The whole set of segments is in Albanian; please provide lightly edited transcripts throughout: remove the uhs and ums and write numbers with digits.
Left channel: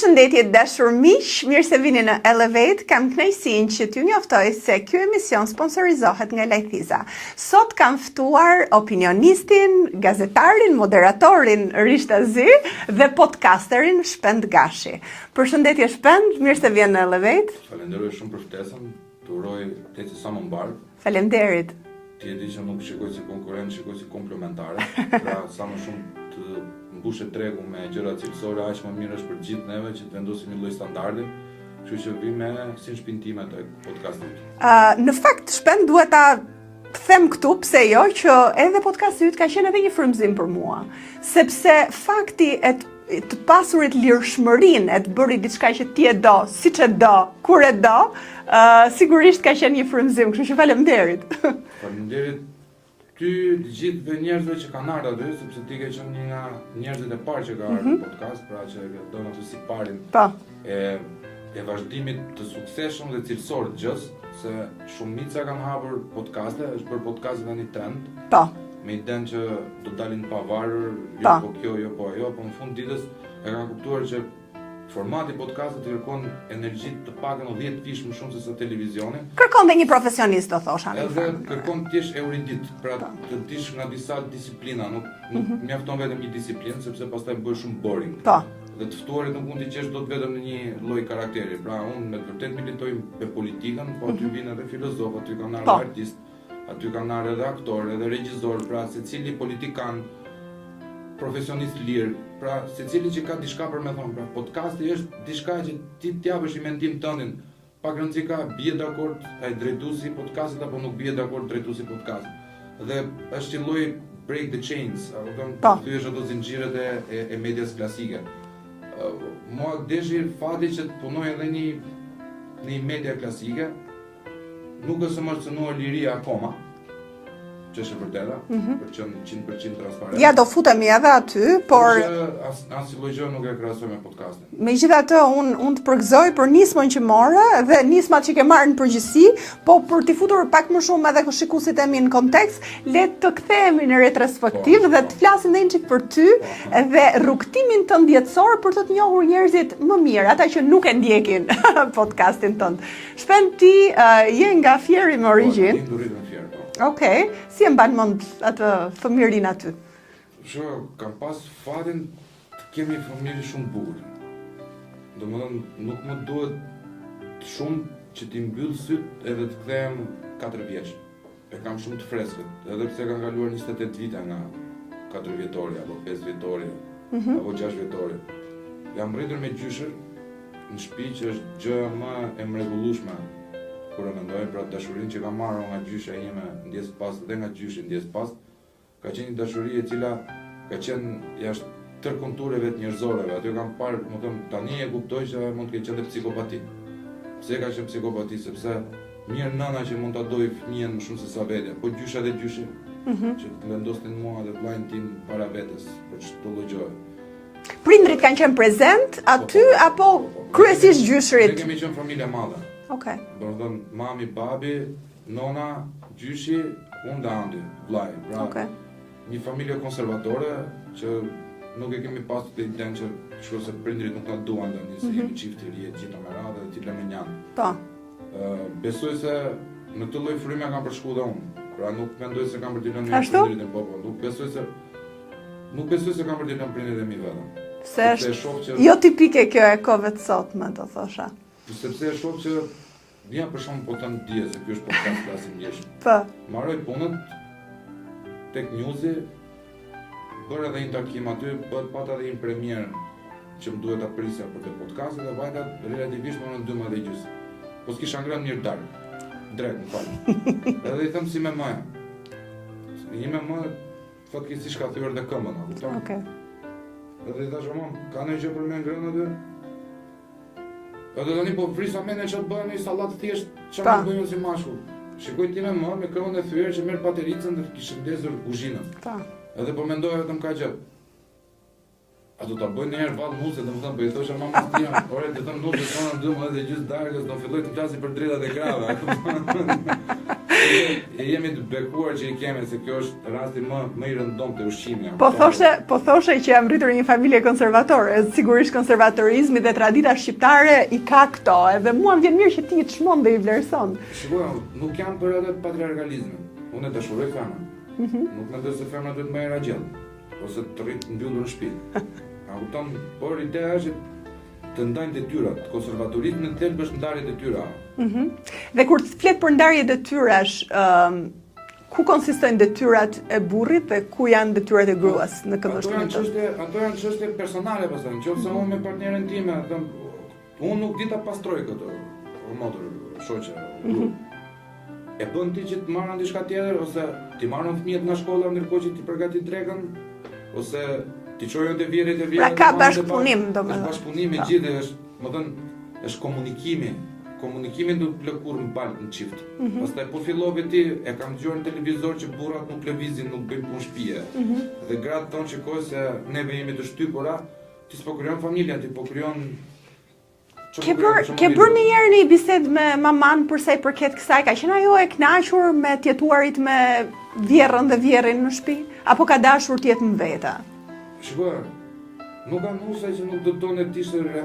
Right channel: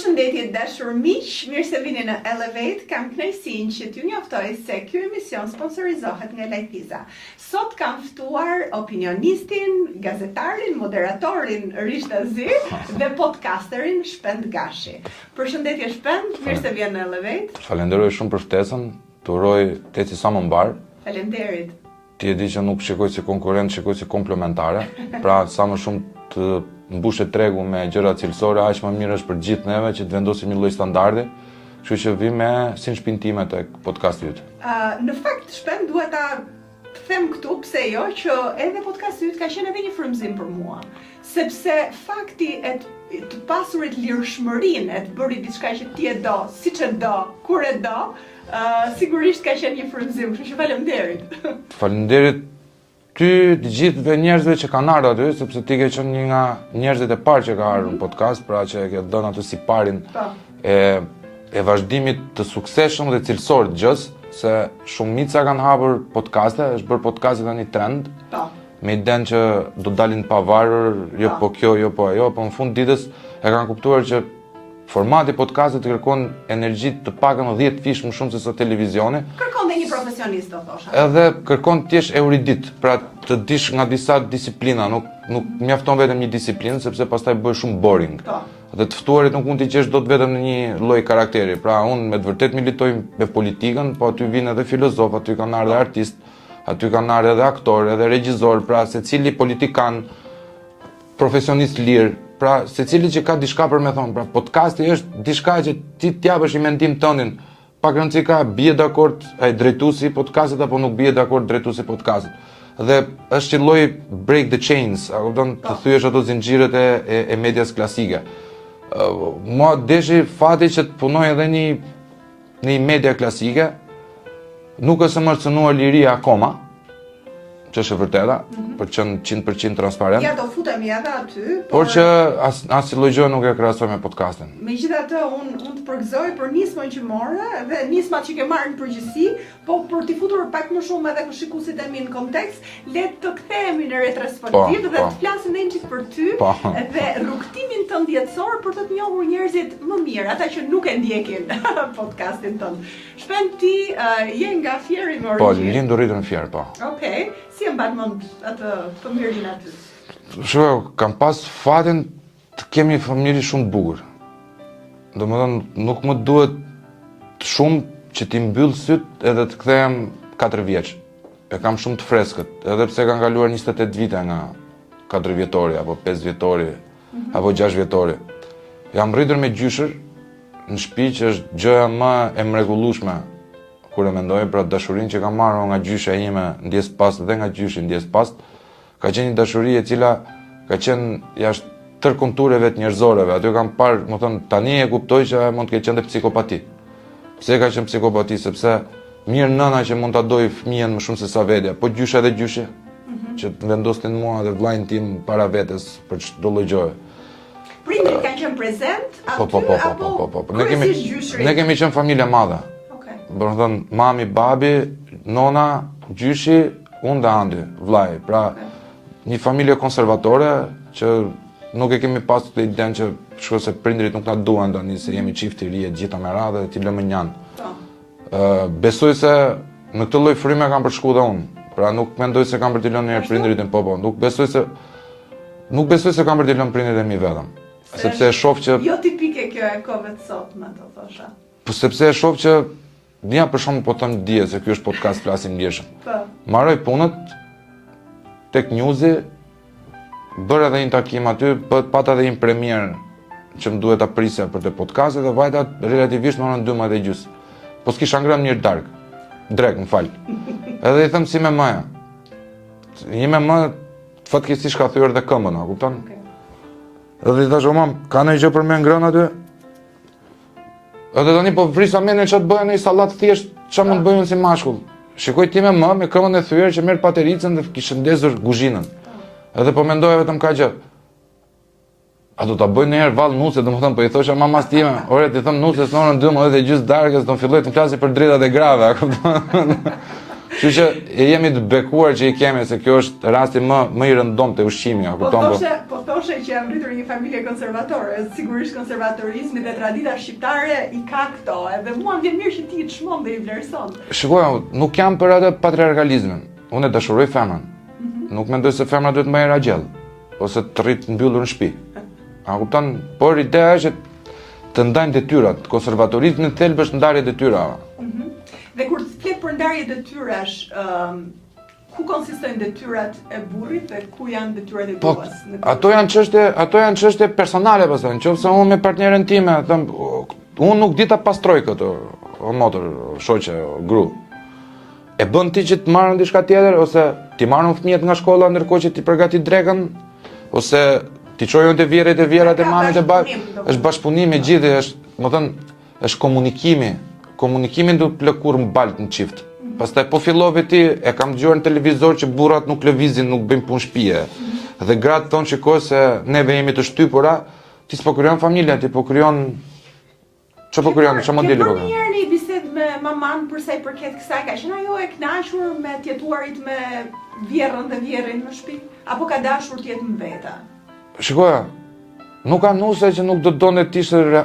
Përshëndetje dashur miq, mirë se vini në Elevate. Kam kënaqësinë që t'ju njoftoj se ky emision sponsorizohet nga Lajthiza. Sot kam ftuar opinionistin, gazetarin, moderatorin Rishta Zy dhe podcasterin Shpend Gashi. Përshëndetje Shpend, mirë se vjen në Elevate. Falenderoj shumë për ftesën, të uroj të eci sa më mbar. Faleminderit. Ti e di që nuk shikoj si konkurrent, shikoj si komplementare. Pra sa më shumë të mbushet tregu me gjëra cilësore, aq më mirë është për gjithë neve që të vendosim një lloj standardi. Kështu që vi me si shpintime tek podcasti yt. Në fakt Shpend duhet ta them këtu pse jo që edhe podcasti yt ka qenë edhe një frymëzim për mua, sepse fakti të pasurit lirshmërinë e të bëri diçka që ti e do, siç e do, kur e do, sigurisht ka qenë një frymëzim, kështu që faleminderit. Faleminderit ty të gjithëve njerëzve që kanë ardhur aty, sepse ti ke qenë një nga njerëzit e parë që ka ardhur në podcast, pra që e ke dhënë aty si parin e vazhdimit të suksesshëm dhe cilësor të gjës, se shumica kanë hapur podcaste, është bërë podcasti tani trend. Po. Me idenë që do dalin pavarur, jo po kjo, jo po ajo, po në fund ditës e kanë kuptuar që formati podcastit kërkon energji të pakën 10 fish më shumë se sa televizioni. Kërkon dhe një profesionist, do thosha. Edhe kërkon të jesh erudit, pra të dish nga disa disiplina, nuk mjafton vetëm një disiplinë, sepse pastaj bëhet shumë boring. Po. Dhe të ftuarit nuk mund t'i gjesh dot vetëm në një lloj karakteri. Pra unë me të vërtet militoj me politikën, po aty vijnë edhe filozof, aty kanë ardhur artist, aty kanë ardhur edhe aktor, edhe regjisor, pra secili politikan, profesionist lir. Pra, secili që ka diçka për me thonë, pra podcasti është diçka që ti t'japësh i mendim tëndin, pak rëndësi ka bie dakord ai drejtuesi i podcastit apo nuk bie dakord drejtuesi i podcastit. Dhe është një lloj break the chains, a kupton, të thyesh ato zinxhiret e medias klasike. Mua deshi fati që të punoj edhe një media klasike, nuk është më cënuar liria akoma, që është e vërteta, për që në 100% transparent. Ja, do futemi edhe aty, por që asnjë lloj gjë nuk e krahasoj me podcastin. Megjithatë, unë të përgëzoj për nismën që morë dhe nismat që ke marrë në përgjithësi, po për t'i futur pak më shumë edhe shikuesit e mi në kontekst, le të kthehemi në retrospektiv dhe të flasim edhe një çik për ty dhe rrugtimin tënd jetësor për të njohur njerëzit më mirë, ata që nuk e ndjekin podcastin tënd. Shpend ti je nga Fieri me origjinë. Po, lindur rritur në Fier, po. Okej. Si e mban mend atë fëmijërinë aty? Shiko, kam pas fatin të kemi familje shumë të bukur. Domethënë, nuk më duhet shumë që t'i mbyll syt edhe të kthehem 4 vjeç. E kam shumë të freskët, edhe pse kanë kaluar 28 vite nga 4 vjetori apo 5 vjetori apo 6 vjetori. Jam rritur me gjyshër në shtëpi që është gjëja më e mrekullueshme kur e mendoj, pra dashurinë që kam marrë nga gjysha ime ndjes pas dhe nga gjyshi ndjes pas, ka qenë një dashuri e cila ka qenë jashtë tërë kontureve të njerëzoreve. Aty kam parë, më thënë, tani e kuptoj që mund të ketë qenë dhe psikopati. Pse ka qenë psikopati? Sepse mirë nëna që mund ta doj fëmijën më shumë se sa vetja, po gjysha dhe gjyshi, që të vendosnin mua dhe vllajën tim para vetes për çdo lloj gjëje. Prindrit kanë qenë prezent aty apo kryesisht gjyshrit? Ne kemi qenë familje e madhe. Do të thënë, mami, babi, nona, gjyshi, unë dhe Andi, vllai. Pra, një familje konservatore që nuk e kemi pasur të idenë që shkoj se prindrit nuk na duan tani se jemi çift i ri e gjitha me radhë dhe ti lëmë njan. Po. Besoj se në këtë lloj fryme kam përshku dhe unë. Pra nuk mendoj se kam për t'i lënë njerëz prindrit po. Nuk besoj se kam për t'i lënë prindrit e mi vetëm. Sepse e shoh që jo tipike kjo e kohëve të sotme, do thosha. Po sepse e shoh që një për shumë po thëmë dje, se kjo është podcast flasim ndjeshëm. Maroj punët, tek newsi, bërë edhe një takim aty, pata edhe një premier që më duhet ta prisja për të podcastit dhe vajta relativisht më orën 12:30. Po s'kisha ngrënë mirë drek, më falë. Edhe i thëmë si me mëja. Një me më, fatkeqësisht ka thyer dhe këmbën, a kupton? Edhe i thash, o mam, ka në gjë për me ngrënë aty? Edhe tani po vrisa mendjen ç'a të bëjë në sallat thjesht, ç'a më bëjnë si mashkull. Shikoj ti me këmbën e thyer që merr patericën dhe kishte ndezur kuzhinën. Edhe po mendoja vetëm ka gjë. A do ta bëj ndonjëherë vallë nuse, domethënë po i thosha mamas time, ore ti thon nuse në orën 12:30 darkës do filloj të flasë për drejtat e grave, Kështu që jemi të bekuar që i kemi se kjo është rasti më i rëndom të ushqimi. Po thoshe që jam rritur një familje konservatore, sigurisht konservatorizmi dhe tradita shqiptare i ka këto, edhe mua më vjen mirë që ti të shmon dhe i vlerëson. Shikoj, nuk jam për atë patriarkalizmin. Unë e dashuroj femrën. Nuk mendoj se femra duhet më e ragjell ose të rritë mbyllur në shtëpi. A kupton? Por ideja është të ndajnë detyrat. Konservatorizmi në thelb është ndarje detyrave. Dhe kur të flet për ndarje detyrash, ku konsistojnë detyrat e burrit dhe ku janë detyrat e gruas në këtë? Ato janë çështje personale pastaj. Nëse unë me partneren time them, unë nuk di ta pastroj këtë, o motër, o shoqe, o gru. E bën ti që të marrën diçka tjetër ose ti marrën fëmijët nga shkolla ndërkohë që ti përgatit drekën ose ti çojën te vjerrit e vjerat e mamës e babës. Është bashkëpunim i gjithë, është komunikimi. Komunikimin duhet lëkur mbalt në çift. Pastaj po fillove ti, e kam dëgjuar në televizor që burrat nuk lëvizin, nuk bëjnë punë shtëpie. Dhe gratë thonë shikoj se neve jemi të shtypura, ti s'po krijon familja, ti po krijon ç'po krijon, ç'mo Ke bërë një bisedë me maman për sa i përket kësaj, ka qenë ajo e kënaqur me të jetuarit me vjerrën dhe vjerrin në shtëpi, apo ka dashur të jetë më veta? Shikoja, nuk ka nuse që nuk do donte të ishte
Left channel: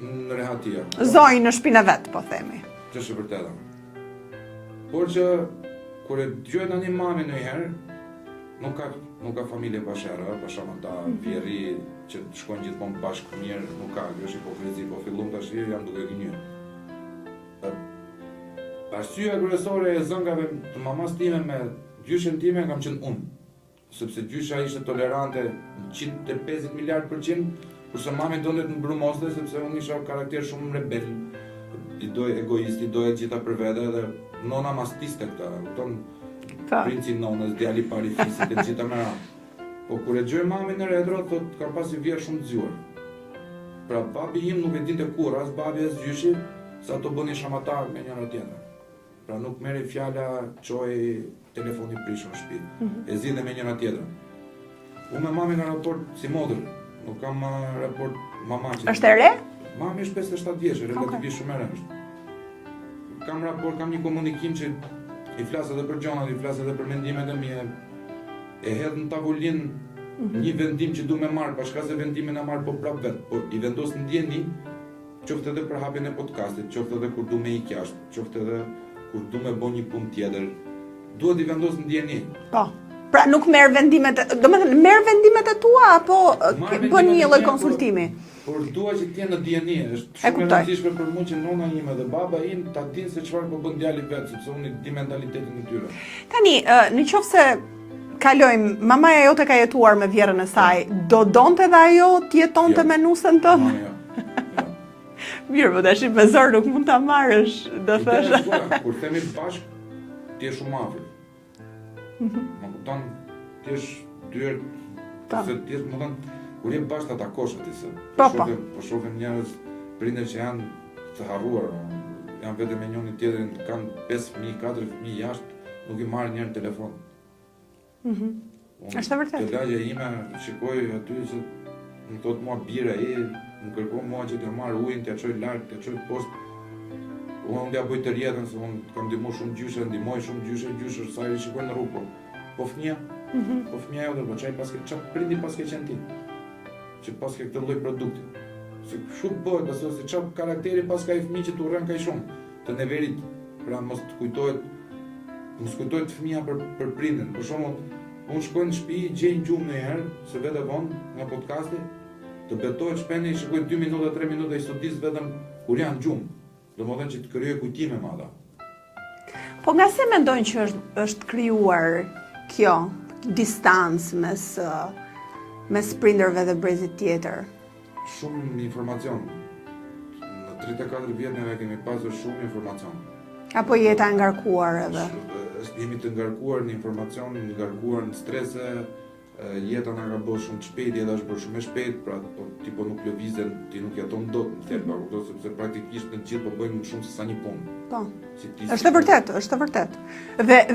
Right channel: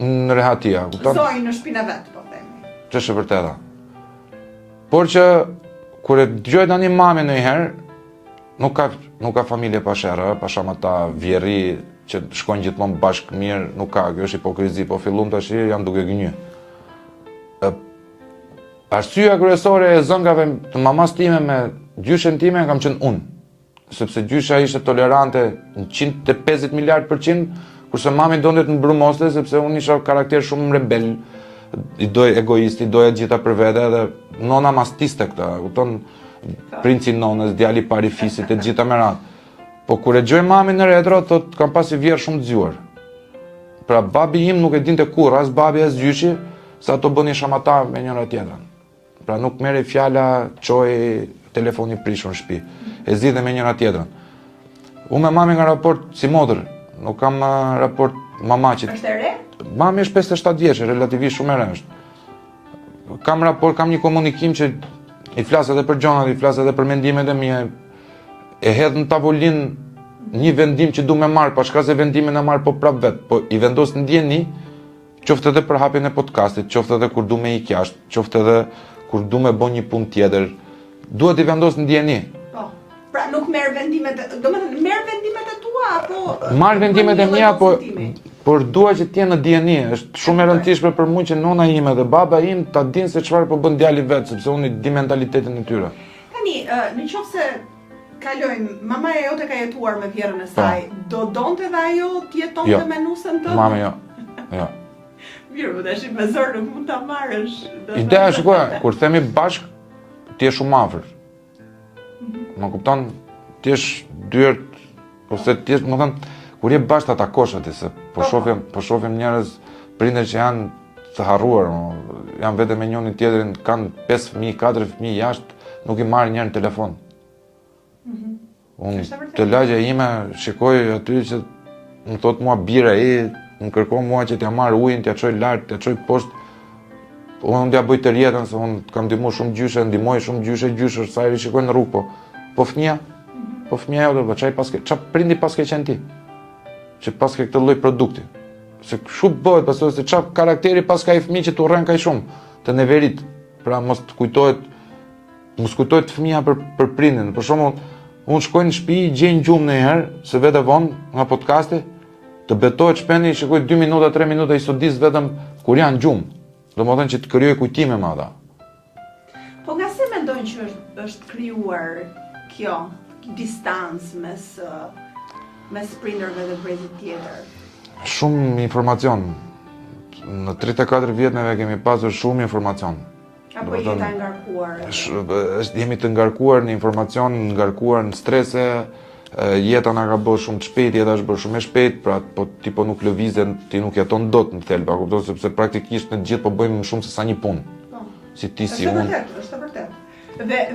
në rehatia. Zoj në shtëpinë vet, po themi. Ç'është e vërteta. Por që kur e dëgjoj tani mamën ndonjëherë, nuk ka familje pa sherrë, pa shamata, vjerri që shkojnë gjithmonë bashkë mirë, nuk ka, kjo është hipokrizi, po fillum tash jam duke gënjy. Arsyeja kryesore e zëngave të mamas time me gjyshen time kam qenë unë. Sepse gjysha ishte tolerante në 150 miliard%, kurse mami donte të mbrumoste sepse unë isha karakter shumë rebel, i doj egoist, i doja gjitha për vete dhe nona mastiste këta, kupton, princi nonës, djali pari fisit e gjitha me radhë. Po kur e gjoj mami në retro, thot kam pasi vjerë shumë të zgjuar. Pra babi im nuk e dinte kur, as babi as gjyshi, sa ato bëni shamata me njëra tjetrën. Pra nuk merri fjala çoj telefoni prishur në shtëpi. E zgjidhe me njëra tjetrën. Unë me mami nga raport si motër, nuk kam raport mama që... Është e re? Mami është 57 vjeçë, relativisht shumë e re është. Kam raport, kam një komunikim që i flas edhe për gjonat, i flas edhe për mendimet e mia. E hedh në tavolinë një vendim që du me marr, pa shka se vendimin e marr po prap vet, po i vendos në ndjeni, qoftë edhe për hapjen e podcastit, qoftë edhe kur du me ik jashtë, qoftë edhe kur du me bën një punë tjetër. Duhet i vendos në ndjeni. Po. Pra nuk merr vendimet, domethënë merr vendimet e tua apo marr vendimet e mia, por dua që të jenë në dieni. Është shumë e rëndësishme për mua që nona ime dhe baba im ta dinë se çfarë po bën djali vet, sepse unë di mentalitetin e tyre. Tani, nëse kalojmë, mamaja jote ka jetuar me vjerrën e saj, do donte dhe ajo të jetonte me nusën tënde? Mama jo. Jo. Mirë, po tash me zor nuk mund ta marrësh. Ideja është kur themi bashk, ti je shumë afër. Më kupton, ti je dyert, ose ti je, më thënë, kur je bashkë ta takosh aty se po shohim njerëz prindër që janë të harruar, janë vetëm me njërin tjetrin, kanë 5 fëmijë, 4 fëmijë jashtë, nuk i marrin njërin telefon. Unë të lagja ime shikoj aty që më thot mua bira më kërkon mua që t'ja marr ujin, t'ja çoj lart, t'ja çoj poshtë. Unë t'ja bëj të rjetën se unë kam ndihmuar shumë gjyshe, ndihmoj shumë gjyshe sa i shikoj në rrugë, po fëmia. Po fëmia jote, po çfarë prindi paske qenë ti? Që paske këtë lloj produkti. Se kështu bëhet, pastaj se çfarë karakteri paska i fëmijë që tu rren kaq shumë të neverit. Pra mos kujtohet fëmia për prindin. Për shembull, unë shkoj në shtëpi, gjej një gjumë ndonjëherë, se vete vonë nga podcasti, të betohet shpendi, shikoj 2 minuta, 3 minuta i sodis vetëm kur janë gjumë. Domethënë që të krijoj kujtime me ata. Po nga se mendojnë që është krijuar kjo distancë mes prindërve dhe brezit tjetër? Shumë informacion. Në 34 vjet neve kemi pasur shumë informacion. Apo jeta e ngarkuar edhe? Jemi të ngarkuar në informacion, ngarkuar në strese, jeta na ka bërë shumë të shpejt, jeta është bërë shumë e shpejt, pra po ti po nuk lëvizën, ti nuk jeton dot në thelba, kupton, sepse praktikisht në gjithë po bëjmë më shumë se sa një punë. Po. Si ti si është vërtet, është vërtet.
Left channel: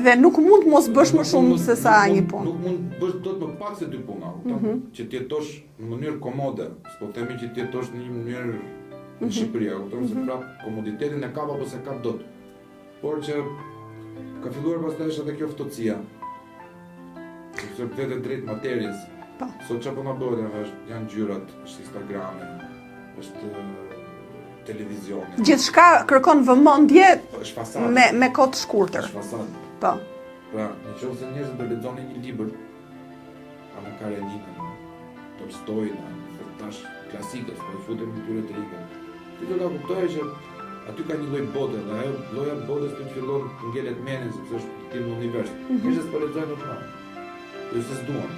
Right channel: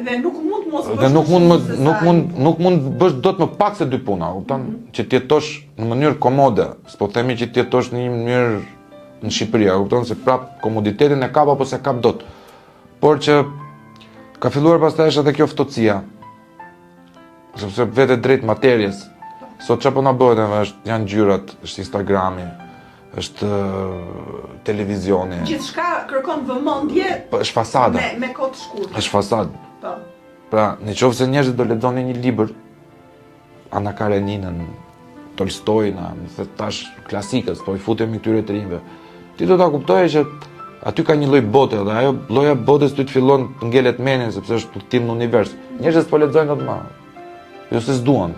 Dhe nuk mund mos bësh më shumë se sa një punë. Nuk mund bësh dot më pak se 2 puna, kupton, që ti jetosh në mënyrë komode, s'po themi që ti jetosh në një mënyrë në Shqipëri, kupton se prap komoditetin e kap apo se kap dot. Por që Ka filluar pastaj është edhe kjo ftohtësia. Sepse vete drejt materjes. Sot çfarë po na bëhet, janë gjyrat, është Instagrami, është televizioni. Gjithçka kërkon vëmendje Është fasada. me kohë të shkurtër. Është fasadë. Po. Pra, nëse njerëzit do lexonin një libër, Ana Kareninën, Tolstojna, më tash klasikës, po I futemi këtyre të rinjve. Ti do ta kuptoje që aty ka një lloj bote dhe ajo lloja botës ty të fillon të ngelet mendjen sepse është udhtim në univers. Njerëzit po lexojnë atë më. Jo se s'duan.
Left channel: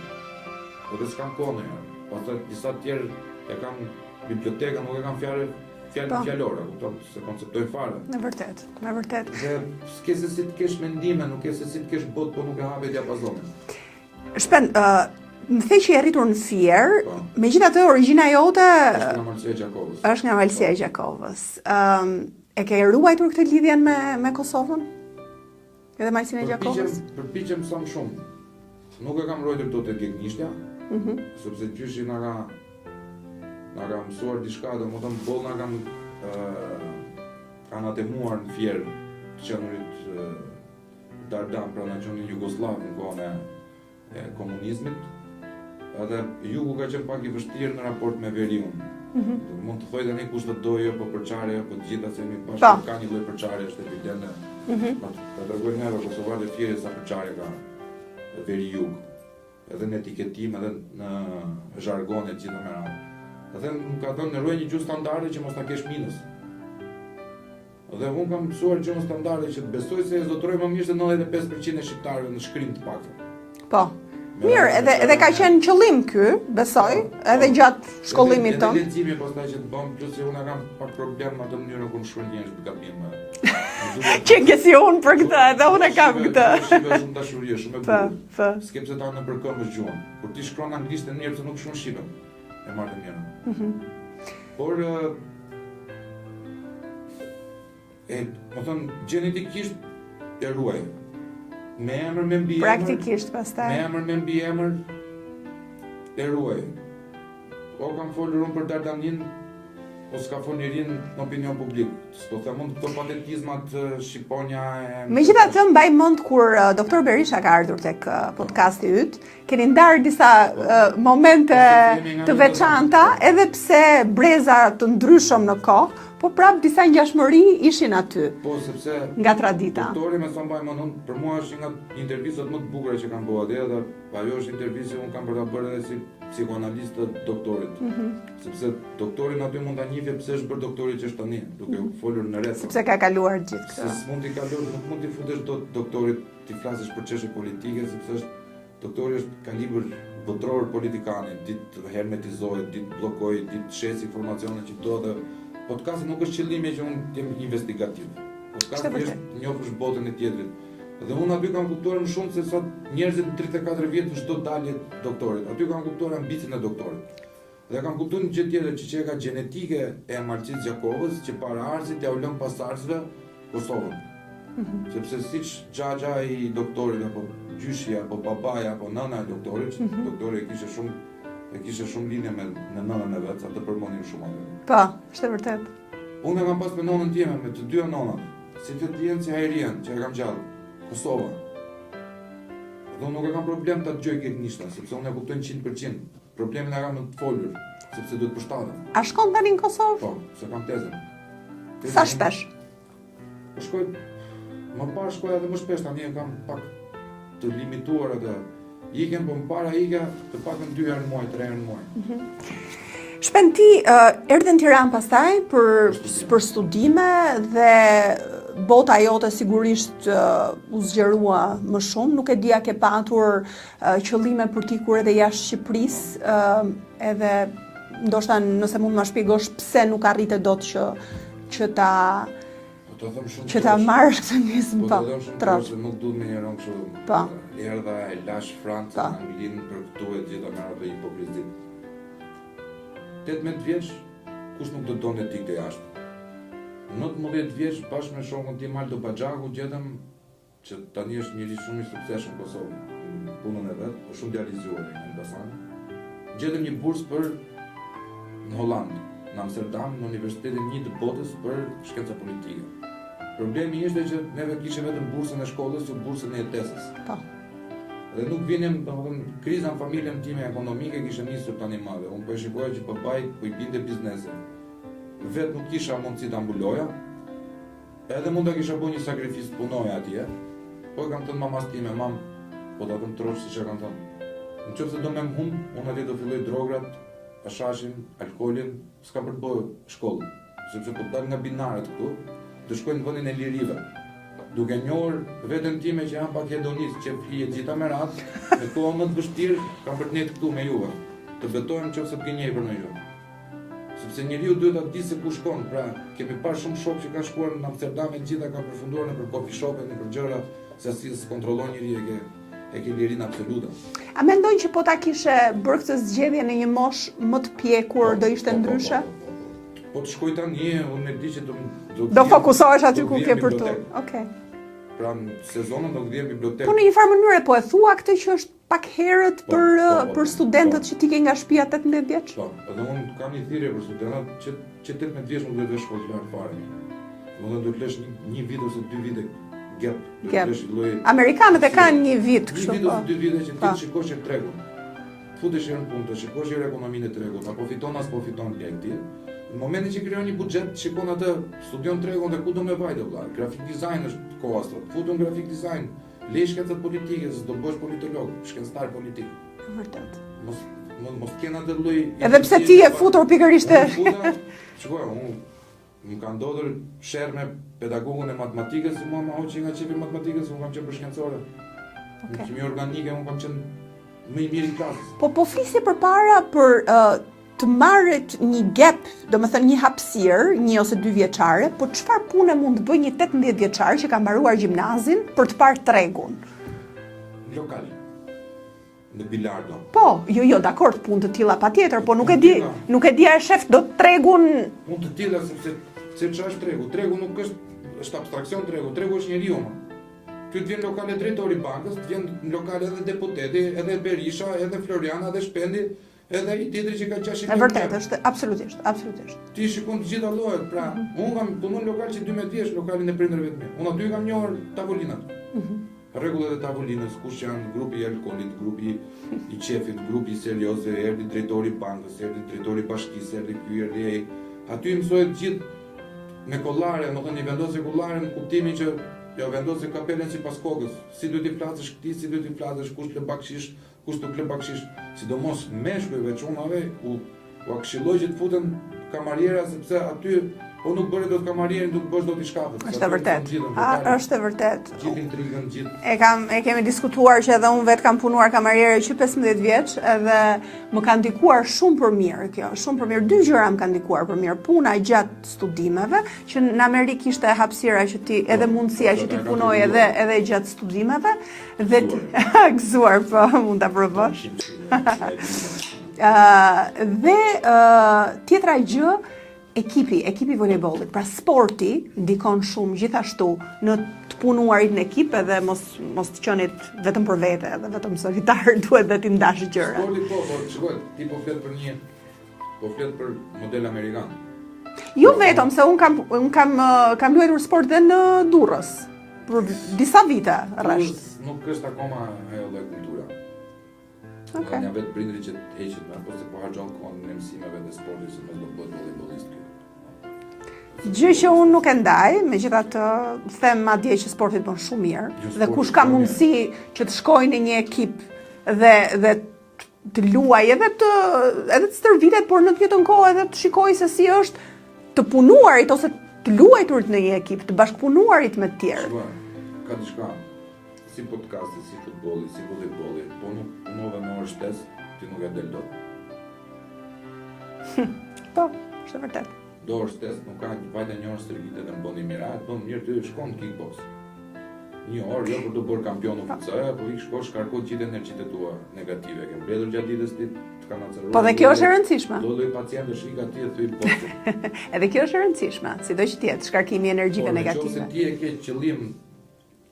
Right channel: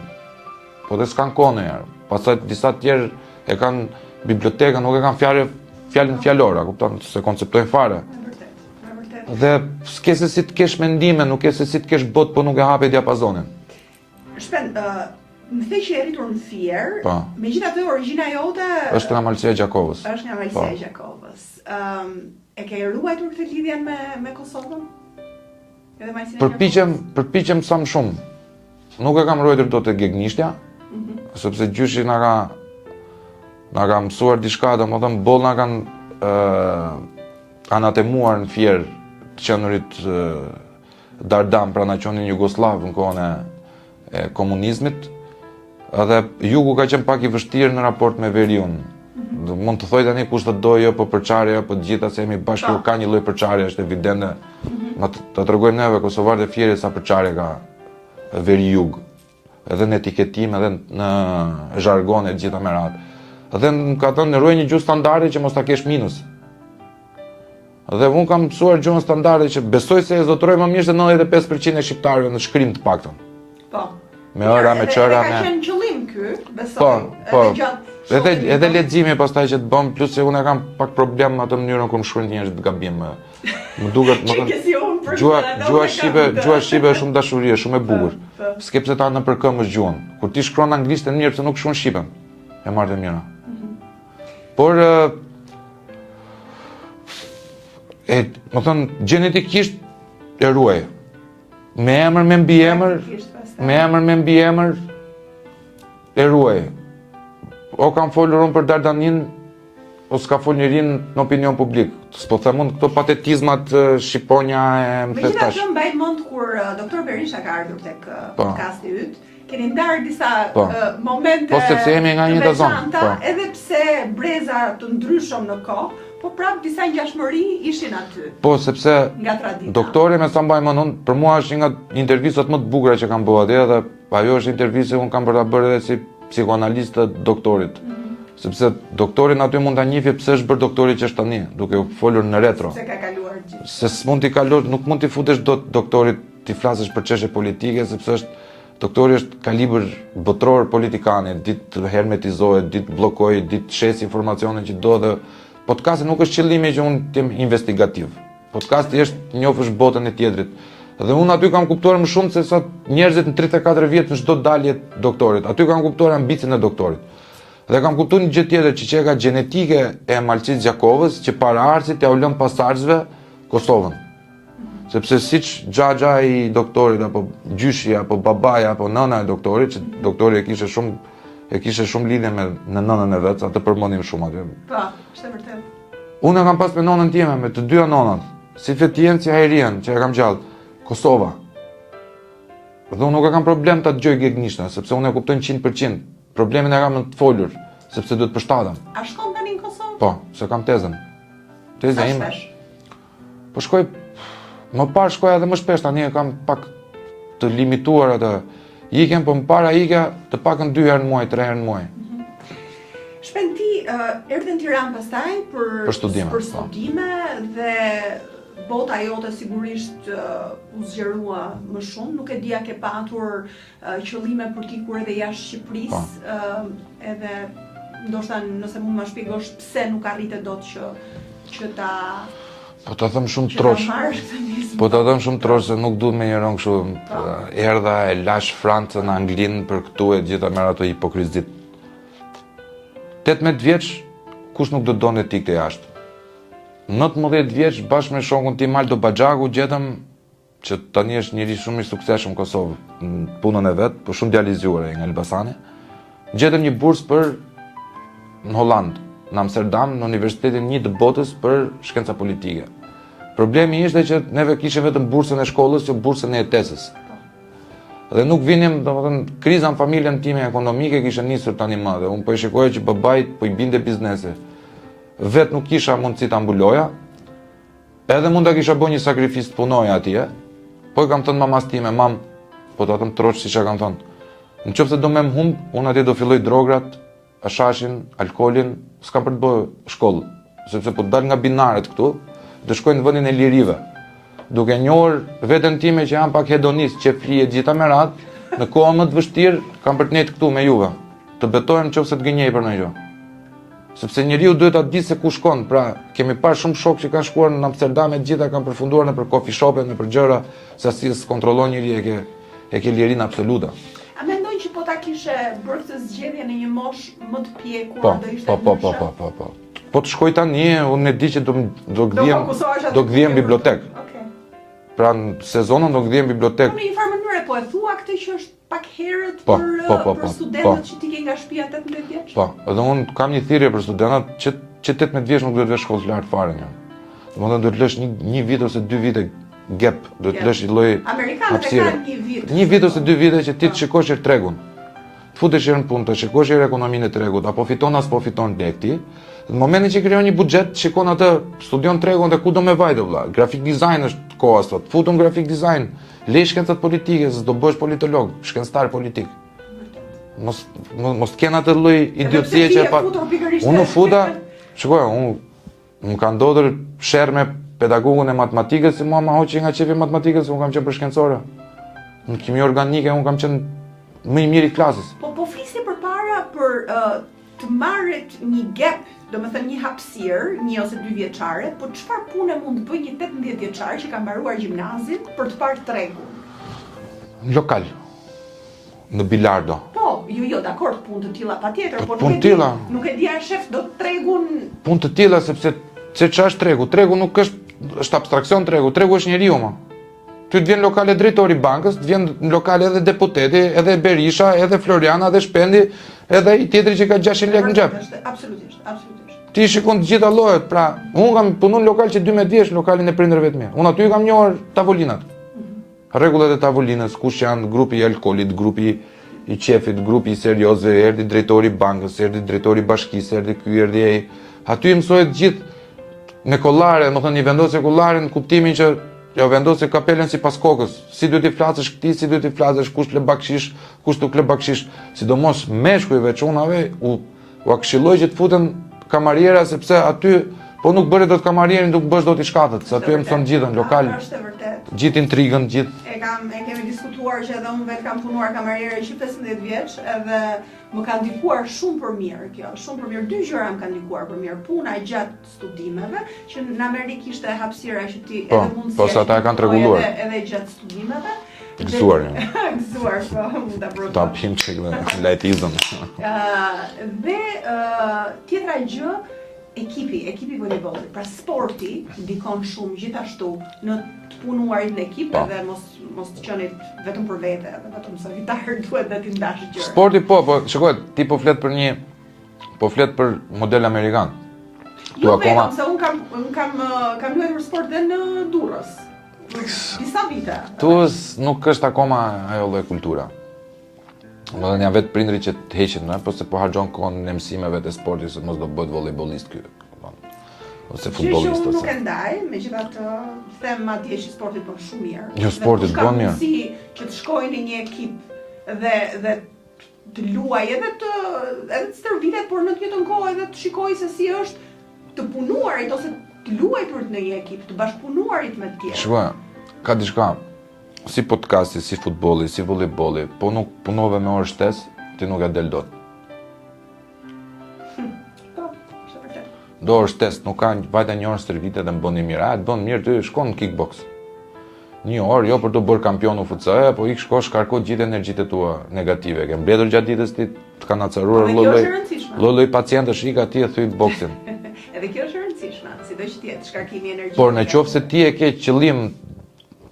Po dhe s'kan kohë ndonjëherë. Pastaj disa të tjerë e kanë bibliotekën, nuk e kanë fjalën fjalore, kupton, se konceptojnë fare. Në vërtet, në vërtet. Dhe s'ke se si të kesh mendime, nuk ke se si të kesh botë, po nuk e hape diapazonin. Shpen, më the që je rritur në Fier, Po. megjithatë origjina jote Është nga Malësia e Gjakovës. është nga Malësia e Gjakovës. E ke ruajtur këtë lidhjen me Kosovën? Edhe Malësinë e Gjakovës? Përpiqem sa më shumë. Nuk e kam ruajtur dot e Gegnishtja, sepse gjyshi na ka mësuar diçka, domethënë boll na kanë anatemuar në Fier të qenurit Dardam, pra na qonin Jugoslav në kohën e komunizmit. Edhe jugu ka qenë pak I vështirë në raport me veriun. Mund të thoj tani kush të dojë, jo, po përçarja, po të gjitha se jemi bashkë, ka një lloj përçarje, është evidente. Ta tregojmë neve kosovarët e Fierit sa përçarje ka veri jug. Edhe në etiketim, edhe në zhargon e gjitha me radhë. Edhe ka thënë ruaj një gjuhë standarde që mos ta kesh minus. Dhe unë kam mësuar gjuhën standarde që besoj se e zotëroj më mirë se 95% e shqiptarëve në shkrim të paktën. Po. Mirë, edhe ka qenë qëllim ky, besoj, edhe gjatë shkollimit. Edhe leximi pastaj që të bëm, plus se unë kam pak problem me atë mënyrën kur më shkruajnë njerëzit gabim. Më duket që ke si unë për këtë, edhe unë kam këtë. Gjuha shqipe është shumë dashuri, është shumë e bukur. S'ke pse ta nëpërkëmbësh gjuhën. Kur ti shkruan anglisht e mirë, pse nuk shkruan shqipen? E marrë të mira. Por më thënë, gjenetikisht e ruaj. Me emër, me mbi emër, e ruaj. O kam folur unë për Dardanin, o s'ka fol njërin në opinion publik. S'po them unë këto patetizmat shqiponja e më Megjithatë mbaj mend kur doktor Berisha ka ardhur tek podcasti yt, keni ndarë disa momente të veçanta, edhe pse breza të ndryshëm në kohë, po prap disa ngjashmëri ishin aty. Po, sepse nga tradita. Doktori me sa mbaj mend unë, për mua është një nga intervistat më të bukura që kam bërë atje dhe ajo është intervistë që unë kam për ta bërë edhe si psikoanalist të doktorit. Sepse doktorin aty mund ta njihë pse është bërë doktori që është tani, duke u folur në retro. Se ka kaluar gjithë. Se s'mund t'i kalor, nuk mund t'i futesh dot doktorit t'i flasësh për çështje politike, sepse doktori është kalibër botror politikane, ditë hermetizohet, ditë bllokohet, ditë shes informacione që do dhe podcasti nuk është qëllimi që unë t'jem investigativ. Podcasti është njofësh botën e tjetrit. Dhe unë aty kam kuptuar më shumë se sot njerëzit në 34 vjet në çdo dalje doktorit. Aty kam kuptuar ambicin e doktorit. Dhe kam kuptuar një gjë tjetër që ka gjenetike e Malësisë Gjakovës që para arsit ja u lën pasardhësve Kosovën. Sepse siç xhaxha I doktorit apo gjyshi apo babaja apo nëna e doktorit, që doktori e kishte shumë lidhje me nënën e vet, atë përmendim shumë aty. Po, është vërtet. Unë kam pas me nonën time, me të dyja nonat, si Fetien, si Hajrien, që e kam gjallë, Kosova. Dhe unë nuk e kam problem ta dëgjoj Gegnishta, sepse unë e kuptoj 100%. Problemin e kam në të folur, sepse duhet përshtatem. A shkon tani në Kosovë? Po, se kam tezën. Sa shpesh? Po shkoj, më parë shkoj edhe më shpesh, tani e kam pak të limituar atë. Ikem, po më para ika të pakën 2 herë në muaj, 3 herë në muaj. Shpen ti erdhe në Tiranë pastaj për studime dhe bota jote sigurisht u zgjerua më shumë, nuk e dia ke patur qëllime për t'ikur edhe jashtë Shqipërisë, edhe ndoshta nëse mund të më shpjegosh pse nuk arrite dot që ta Po ta them shumë trosh. Po ta them shumë trosh se nuk duhet me njëron kështu. Erdha e lash Francën, Anglinë për këtu e gjitha me ato hipokrizit. 18 vjeç kush nuk do donte ti këtë jashtë. 19 vjeç bashkë me shokun tim Aldo Baxhaku gjetëm që tani është njëri shumë I suksesshëm në Kosovë, në punën e vet, por shumë djalizuar nga Elbasani. Gjetëm një bursë për në Holland, në Amsterdam, në Universitetin 1 të botës për shkenca politike. Problemi ishte që neve kishim vetëm bursën e shkollës, jo bursën e jetesës. Dhe nuk vinim, domethënë, kriza në familjen time ekonomike kishte nisur tani më dhe unë po i shikoja që babait po i binte biznesi. Vet nuk kisha mundësi ta mbuloja. Edhe mund ta kisha bërë një sakrificë të punoja atje. Po i kam thënë mamas time, mam, po ta them troç siç e kam thënë. Nëse do më humb, unë atje do filloj drograt, ashashin, alkoolin, s'kam për të bërë shkollë, sepse po dal nga binaret këtu, do shkoj në vendin e lirive. Duke njohur veten time që jam pak hedonist, që flije gjitha me radhë, në kohën më të vështirë kam për të nejtë këtu me juve. Të betohem nëse të gënjej për ndonjë gjë. Sepse njeriu duhet ta di se ku shkon. Pra, kemi parë shumë shokë që kanë shkuar në Amsterdam e gjitha kanë përfunduar nëpër coffee shop-e, nëpër gjëra, se asnjë s'kontrollon njeriu e ke lirin absolute. A mendon që po ta kishe bërë këtë zgjedhje në një moshë më të pjekur, do ishte ndryshe? Po. Po të shkoj tani, unë e di që do fokusohesh aty do ku gdhiem ke për bibliotek. të. Okej. Pra në sezonën do gdhiem bibliotek. Po në një farë mënyrë po e thua këtë që është pak herët për studentët që ti ke nga shtëpia 18 vjeç? Po, edhe unë kam një thirrje për studentët që 18 vjeç nuk duhet të vesh shkollë të lartë fare një. Domethënë duhet të lësh një vit ose 2 vite gap, duhet të lësh një lloj. Amerikanët e kanë një vit. Një vit ose 2 vite që ti të shikosh tregun. Të futesh në punë, të shikosh ekonominë e tregut, apo fiton as po fiton lekti. Në momentin që krijon një buxhet, shikon atë, studion tregun dhe ku do me vajtë vëlla. Graphic design është koha sot. Futun graphic design, lej shkencat politike, se do bësh politolog, shkencëtar politik. Mos të kenë atë lloj idiocie që ti e futur pikërisht. Unë futa, shikoj, unë ka ndodhur sherr me pedagogun e matematikës, se mua ma hoqi nga qefi matematikës, unë kam qenë për shkencore. Në kimi organike unë kam qenë më i miri i klasës. Po flisni përpara për të marrit një gap, domethënë një hapësirë, 1 ose 2 vjeçare, po çfarë pune mund të bëjë një 18 vjeçar që ka mbaruar gjimnazin për të parë tregun? Lokal. Në bilardo. Po, jo, dakord, punë të tilla patjetër, po nuk e di a shef do tregun. Punë të tilla sepse ç'është tregu? Tregu nuk është abstraksion tregu, tregu është njeriu më. Ty të vjen lokale drejtori bankës, të vjen në lokale edhe deputeti, edhe Berisha, edhe Floriana, edhe Shpendi, edhe i tjetri që ka 600 lekë në xhep. Absolutisht. Ti shikon të gjitha llojet, pra, unë kam punuar në lokal që 12 vjeç, lokalin e prindërve të mi. Unë aty kam njohur tavolinat. Rregullat e tavolinës, kush janë grupi i alkoolit, grupi i qefit, grupi i serioze, erdhi drejtori bankës, erdhi drejtori bashkisë, erdhi ky, erdhi ai. Aty mësohet gjithë me kollare, domethënë i vendosë kollarin në kuptimin që ja vendosë kapelen sipas kokës. Si duhet i flasësh këtij, si duhet i flasësh, kush le bakshish, kush nuk le bakshish, sidomos meshkujve, çunave, u këshilloj që të futen kamariera sepse aty po nuk bëre dot kamarierin, nuk bësh dot i shkatët, se aty mëson gjithën lokal. Është e vërtet. Gjithë intrigën, gjithë. E kemi diskutuar që edhe unë vetë kam punuar kamariere që 15 vjeç, edhe më ka ndikuar shumë për mirë kjo, shumë për mirë. 2 gjëra më kanë ndikuar për mirë. Puna gjatë studimeve, që në Amerikë ishte hapësira që ti edhe mundësia që ti punoj edhe gjatë studimeve. Gëzuar, po, mund ta provoj. Top himçik me laitizëm. Dhe tjetra gjë, ekipi volejbollit, pra sporti ndikon shumë gjithashtu në të punuarit në ekip edhe mos të qenit vetëm për vete, edhe vetëm solitar, duhet dhe ti ndash gjëra. Sporti po, shikoj, ti po flet për model amerikan. Jo vetëm, se unë kam luajtur sport dhe në Durrës, për disa vite. Tu nuk është akoma ajo lloj kultura. Më dhe një vetë prindri që të heqin, po se po hargjon kohën në mësimeve të sportit, se mos do bëhet volejbolist ky. Gjë që unë nuk e ndaj, megjithatë them madje që sporti bën shumë mirë. Dhe kush ka mundësi që të shkojë në një ekip dhe të luajë edhe të stërvitet, por në të njëjtën kohë edhe të shikojë se si është të punuarit ose të luajturit në një ekip, të bashkëpunuarit me të tjerë. Shikoj, ka diçka. Si podcasti, si futbolli, si volejbolli, po nuk punove me orë shtesë, ti nuk e del dot. Po, është vërtet. Do orë shtesë, nuk ka vajta një orë stërvite dhe më bën mirë. A, të bën mirë, ty shkon në kickbox. Një orë, jo për të bërë kampion UFC, po ik shko shkarko gjithë energjitë tua negative. Ke mbledhur gjatë ditës ti të kanë acaruar. Po dhe kjo është e rëndësishme. Lloj pacientësh ik aty e thyj boksin. Edhe kjo është e rëndësishme, sido që të jetë shkarkimi energjike. Por nëse ti e ke qëllim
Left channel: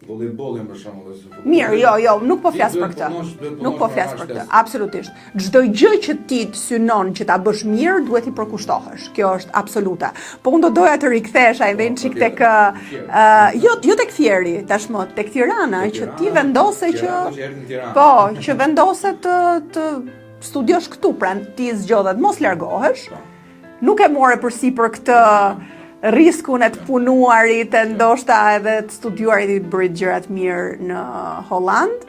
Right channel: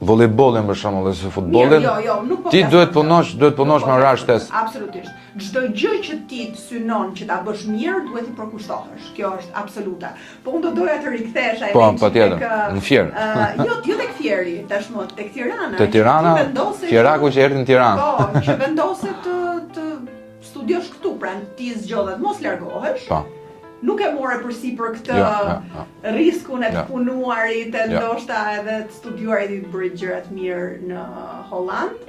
volejbollin për shembull ose futbollin. Mirë, jo, nuk po Ti flas. duhet punosh me orash shtesë. Absolutisht. Çdo gjë që ti të synon që ta bësh mirë, duhet i përkushtohesh. Kjo është absoluta. Po unë do doja të rikthesha edhe çik tek në Fier. Jo tek Fieri, tashmë tek Tirana, Te Tirana. Ti vendose Fieraku që erdhi në Tiranë. Po, që vendose të studiosh këtu, pra ti zgjodhet mos largohesh. Po. Nuk e more përsipër këtë Jo. riskun e të Jo. punuarit, e ndoshta edhe të studiuarit i bërit gjërat mirë në Holland.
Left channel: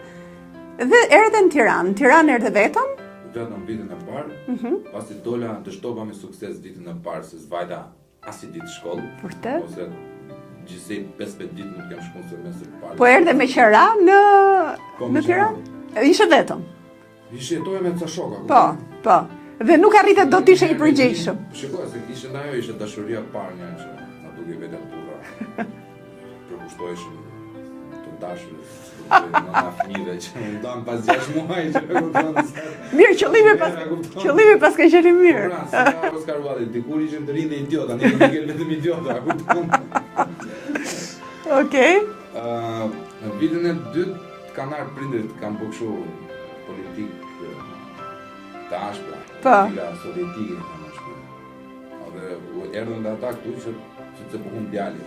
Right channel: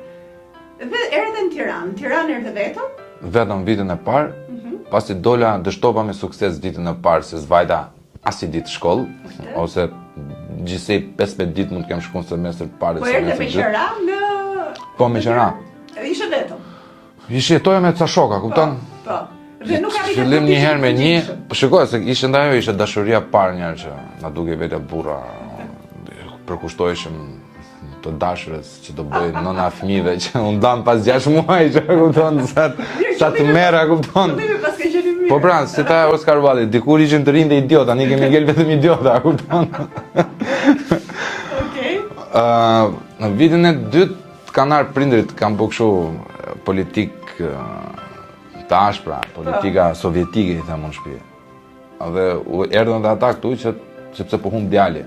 Dhe erdhe në Tiranë. Tiranë erdhe vetëm? Vetëm vitin e parë, pasi dola dështova me sukses ditën e parë se zvajta as i ditë shkollë, Vërtet? ose gjithsej 15 ditë mund të kem shkuar në semestër të parë. Po erdhe me qera në... Po, me në qera. Tiranë? Ishe vetëm? Jetoja me ca shoka, kupton? Po. Dhe nuk arritet do të ishe i përgjithshëm. Shikoj se ishte ndajo, ishte dashuria parë njerë që na duke vetë burra përkushtoheshim të dashurës që do bëj nëna fëmijëve që u ndan pas 6 muaj që kupton sa sa të merra kupton. Qëllimi pas ka qenë mirë. Po pra, si ta Oscar Wilde, dikur ishin të rinë dhe idiota, tani kemi ngel vetëm idiota, kupton. Okej. Në vitin e dytë kanë ardhur prindrit, kanë bërë kështu politik të ashpra, politika sovjetike i them unë shpirë. Dhe erdhën dhe ata këtu që sepse po humb djali.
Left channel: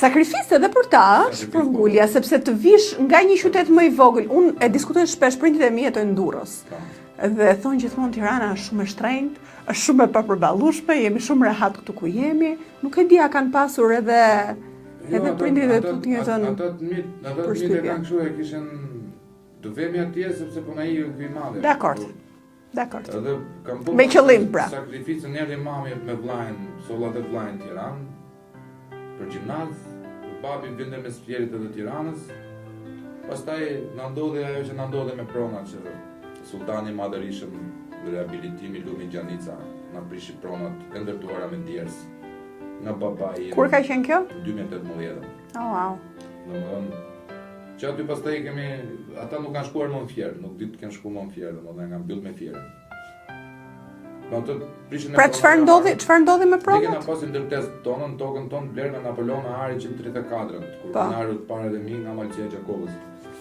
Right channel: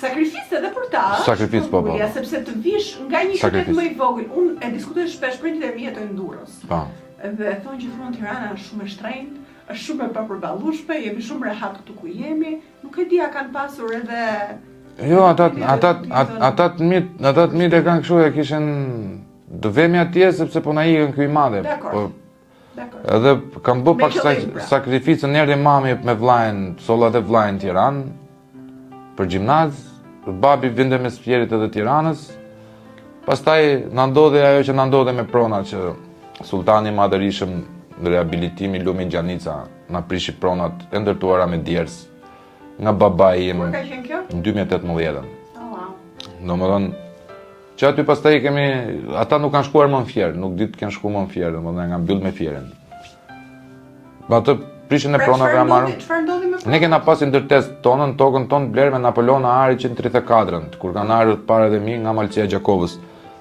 Sakrificë edhe për ta, Sakrificë, po, Bulja, sepse të vish nga një qytet Sakrificë. më i vogël. Unë e diskutoj shpesh, prindit e mi jetojnë në Durrës. Po. Dhe thonë gjithmonë Tirana është shumë e shtrenjtë, është shumë e papërballueshme, jemi shumë rehat këtu ku jemi. Nuk e di a kanë pasur edhe Jo, edhe ata të mirë e kanë kështu e kishin do vemi atje sepse po na ikën ky i madhe. Dakor. Dakor. Edhe kam bë Me pak qëllim, pra. sakrificën, erdhi mami me vllajën, sollat e vllajën në Tiranë për gjimnaz, babi vinte me Sfjerit edhe Tiranës. Pastaj na ndodhi ajo që na ndodhi me pronat që sultani i madhërishëm në rehabilitimi Lumi Gjanica na prishi pronat e ndërtuara me djers nga babai im Kur ka qenë kjo? në 2018. Oh, wow. Domethënë që aty pastaj kemi, ata nuk kanë shkuar më në Fier, nuk ditë kanë shkuar më në Fier, domethënë kanë mbyll me Fierin. Atë prishin e Pra pronave na marrën. çfarë ndodhi me Ne pronat? kena pasi ndërtesë tonën, tokën tonë bler me Napoleon Ahari 134-ën, kur kanë ardhur parat e mi nga Malcia Gjakovës.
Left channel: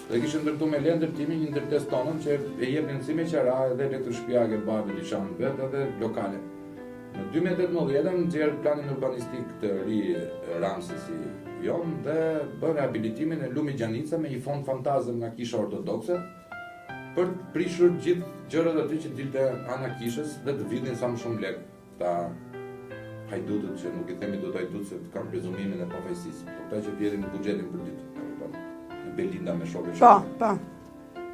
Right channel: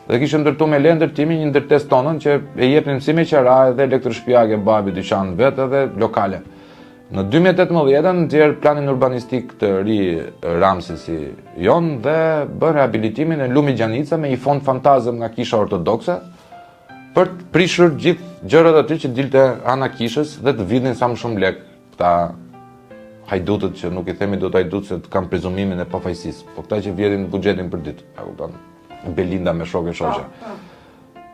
Dhe kishim ndërtu me le ndërtimi një ndërtesë tonën që e jepnim si me qera edhe elektroshtëpiake babi dyqan vet edhe lokale. Në 2018 nxjerr planin urbanistik të ri Ramsesi jon dhe bën rehabilitimin e Lumi Gjanica me një fond fantazëm nga Kisha Ortodokse për të prishur gjithë gjërat aty që dilte ana kishës dhe të vidhin sa më shumë lek. Këta hajdutët që nuk i themi dot hajdut se të kanë prezumimin e pafajësisë, po këta që vjedhin buxhetin për ditë, e kupton? Belinda me shokë shoqe. Po.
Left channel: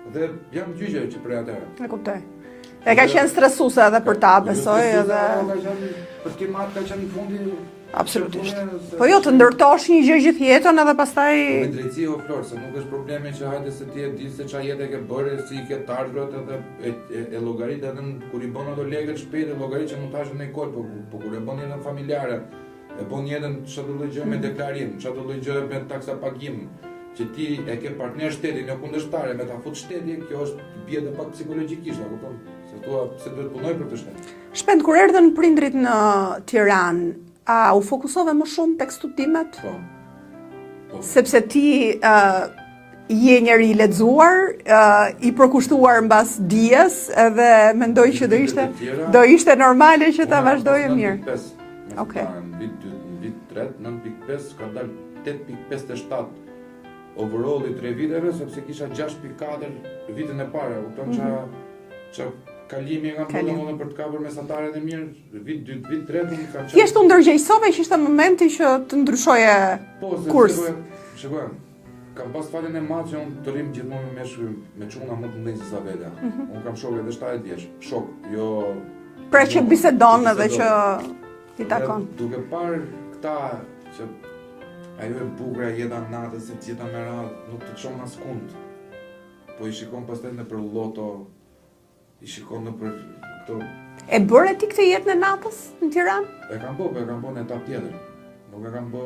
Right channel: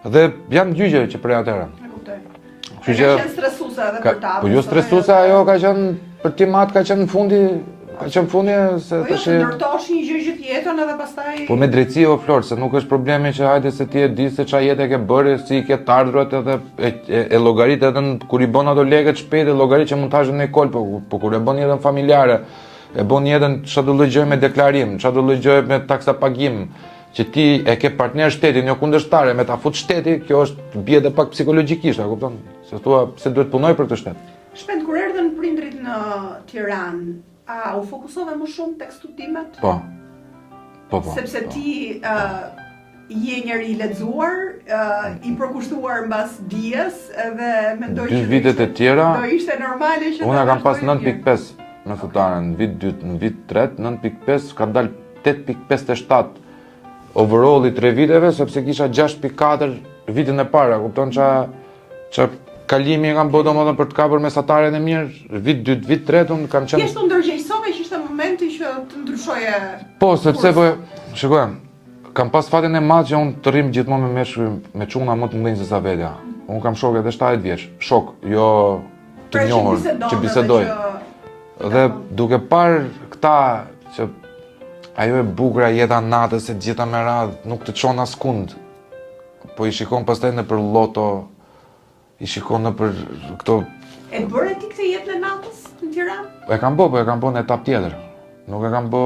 Dhe jam gjyqe që prej atëherë. E kuptoj. E ka qenë stresuese edhe për ta, Po jo stresuese, ajo ka qenë për timat, ka qenë në fundi, ka qenë fundi se Po jo, të ndërtosh një gjë gjithë jetën edhe pastaj... Po me drejtësi o Flor, se nuk është problemi që hajde se ti e di se çfarë jetë e ke bërë, si i ke të ardhurat edhe e llogarit edhe kur i bën ato lekët shpejt e llogarit që mund të hashën në kol, po kur e bën jetën familjare, e bën jetën çfarë do lloj gjë me deklarim, çfarë do lloj gjë me taksa pagim, që ti e ke partner shtetin, jo kundërshtare, me ta fut shteti, kjo është bie edhe pak psikologjikisht, e kupton? Se thua pse duhet punoj për këtë shtet. Shpend, kur erdhën prindrit në Tiranë, a u fokusove më shumë tek studimet? Po. Po. Sepse ti je njeri i lexuar, i përkushtuar mbas dijes, edhe mendoj që do ishte normale që ta vazhdojë mirë. Unë kam pas 9.5 me futaren, në vit 2, në vit 3, 9.5 ka dalë 8.57 overall i 3 viteve, sepse kisha 6.4 vitin e para, kupton që kalimi e kam bërë domethënë për të kapur mesataren e mirë, vit 2, vit 3 unë kam qenë. Thjesht u ndërgjegjësove që ishte momenti që të ndryshoje. Po, sepse po shikoj, kam pas fatin e madh që unë të rrim gjithmonë me çuna më të mëdhenj se sa vetja. Unë kam shokë edhe 70 vjeç, shok, jo pra që bisedon edhe që dhe duke parë këta që ajo e bukur jeta natës se gjitha me radhë, nuk të çon askund. Po i shikon pastaj nëpër loto, i shikon nëpër këto. E bëre ti këtë jetë në natës në Tiranë? E kam bë, po e kam bë në etapë tjetër. Nuk e kam bë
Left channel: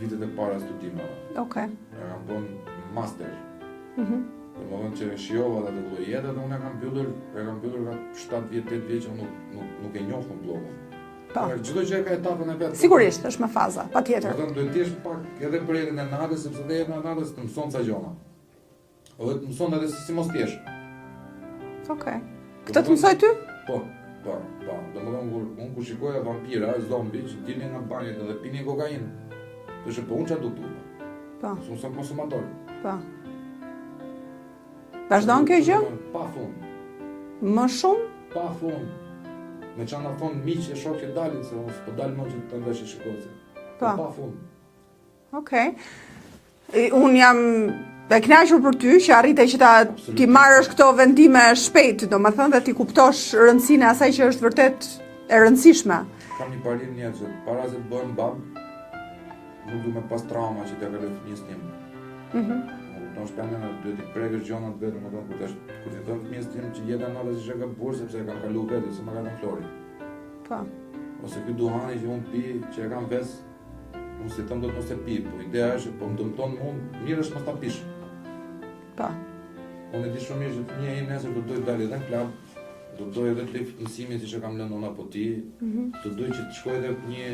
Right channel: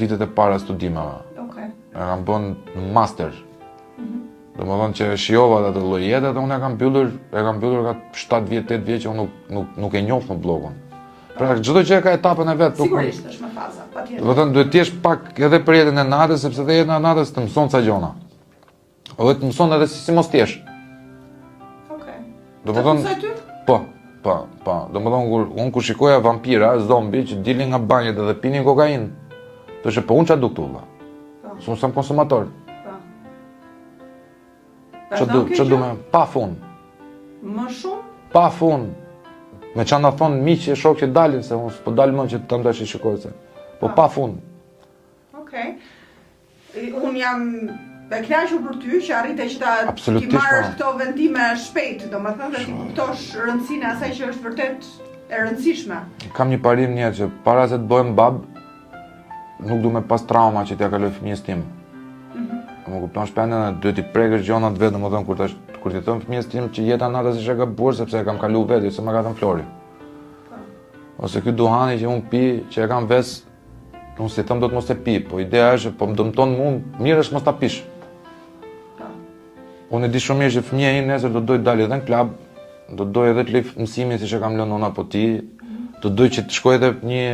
vitet e para studimeve. Okej. E kam bën master. Domethënë që shijova atë lloj jete dhe unë e kam mbyllur ka 7 vjet, 8 vjet që unë nuk e njoh më bllogun. Pra çdo gjë ka etapën e vet. Sigurisht, është me faza, patjetër. Do të thënë duhet të jesh pak edhe për jetën e natës, sepse edhe jeta e natës të mëson ca gjona. Edhe të mëson edhe si mos t'jesh. Okej. Do Të mësoj ty? Po. Do më thonë, unë kur shikoja vampira, zombi, që dilin nga banjet edhe pinin kokainë, do që po unë që du këtu, Po. Unë sam konsumator. Po. Vazhdon kjo gjë? Pa fund. Më shumë? Pa fund. Me që nda thonë miqë e shokë që dalin, se unë s'po dalë më që të më të shikoj se. Po pa fund. Okej. Unë jam e kënaqur për ty që arrite që ti marrësh këto vendime shpejt, domethënë dhe ti kuptosh rëndësinë e asaj që është vërtet e rëndësishme. Kam një parim një që para se të bëhem bab, nuk du me pas trauma që t'ja kaloj fëmijës tim. Më kupton shpendën e duhet i prekësh gjonat vetë, domethënë kur t'i thon fëmijës tim që jeta natës është e gabuar sepse e kam kalu vetë, se më ka thënë Flori. Po. Ose ky duhani që unë pi, që e kam ves, unë si thëm do të mos e pi, po ideja është po më dëmton mua, mirë është mos ta pish. Po. Unë e di shumë mirë që fëmia im nesër do dojë të dalë edhe në klub, do dojë edhe të lë mësimin siç e kam lënë nona po ti, do dojë që të shkojë edhe një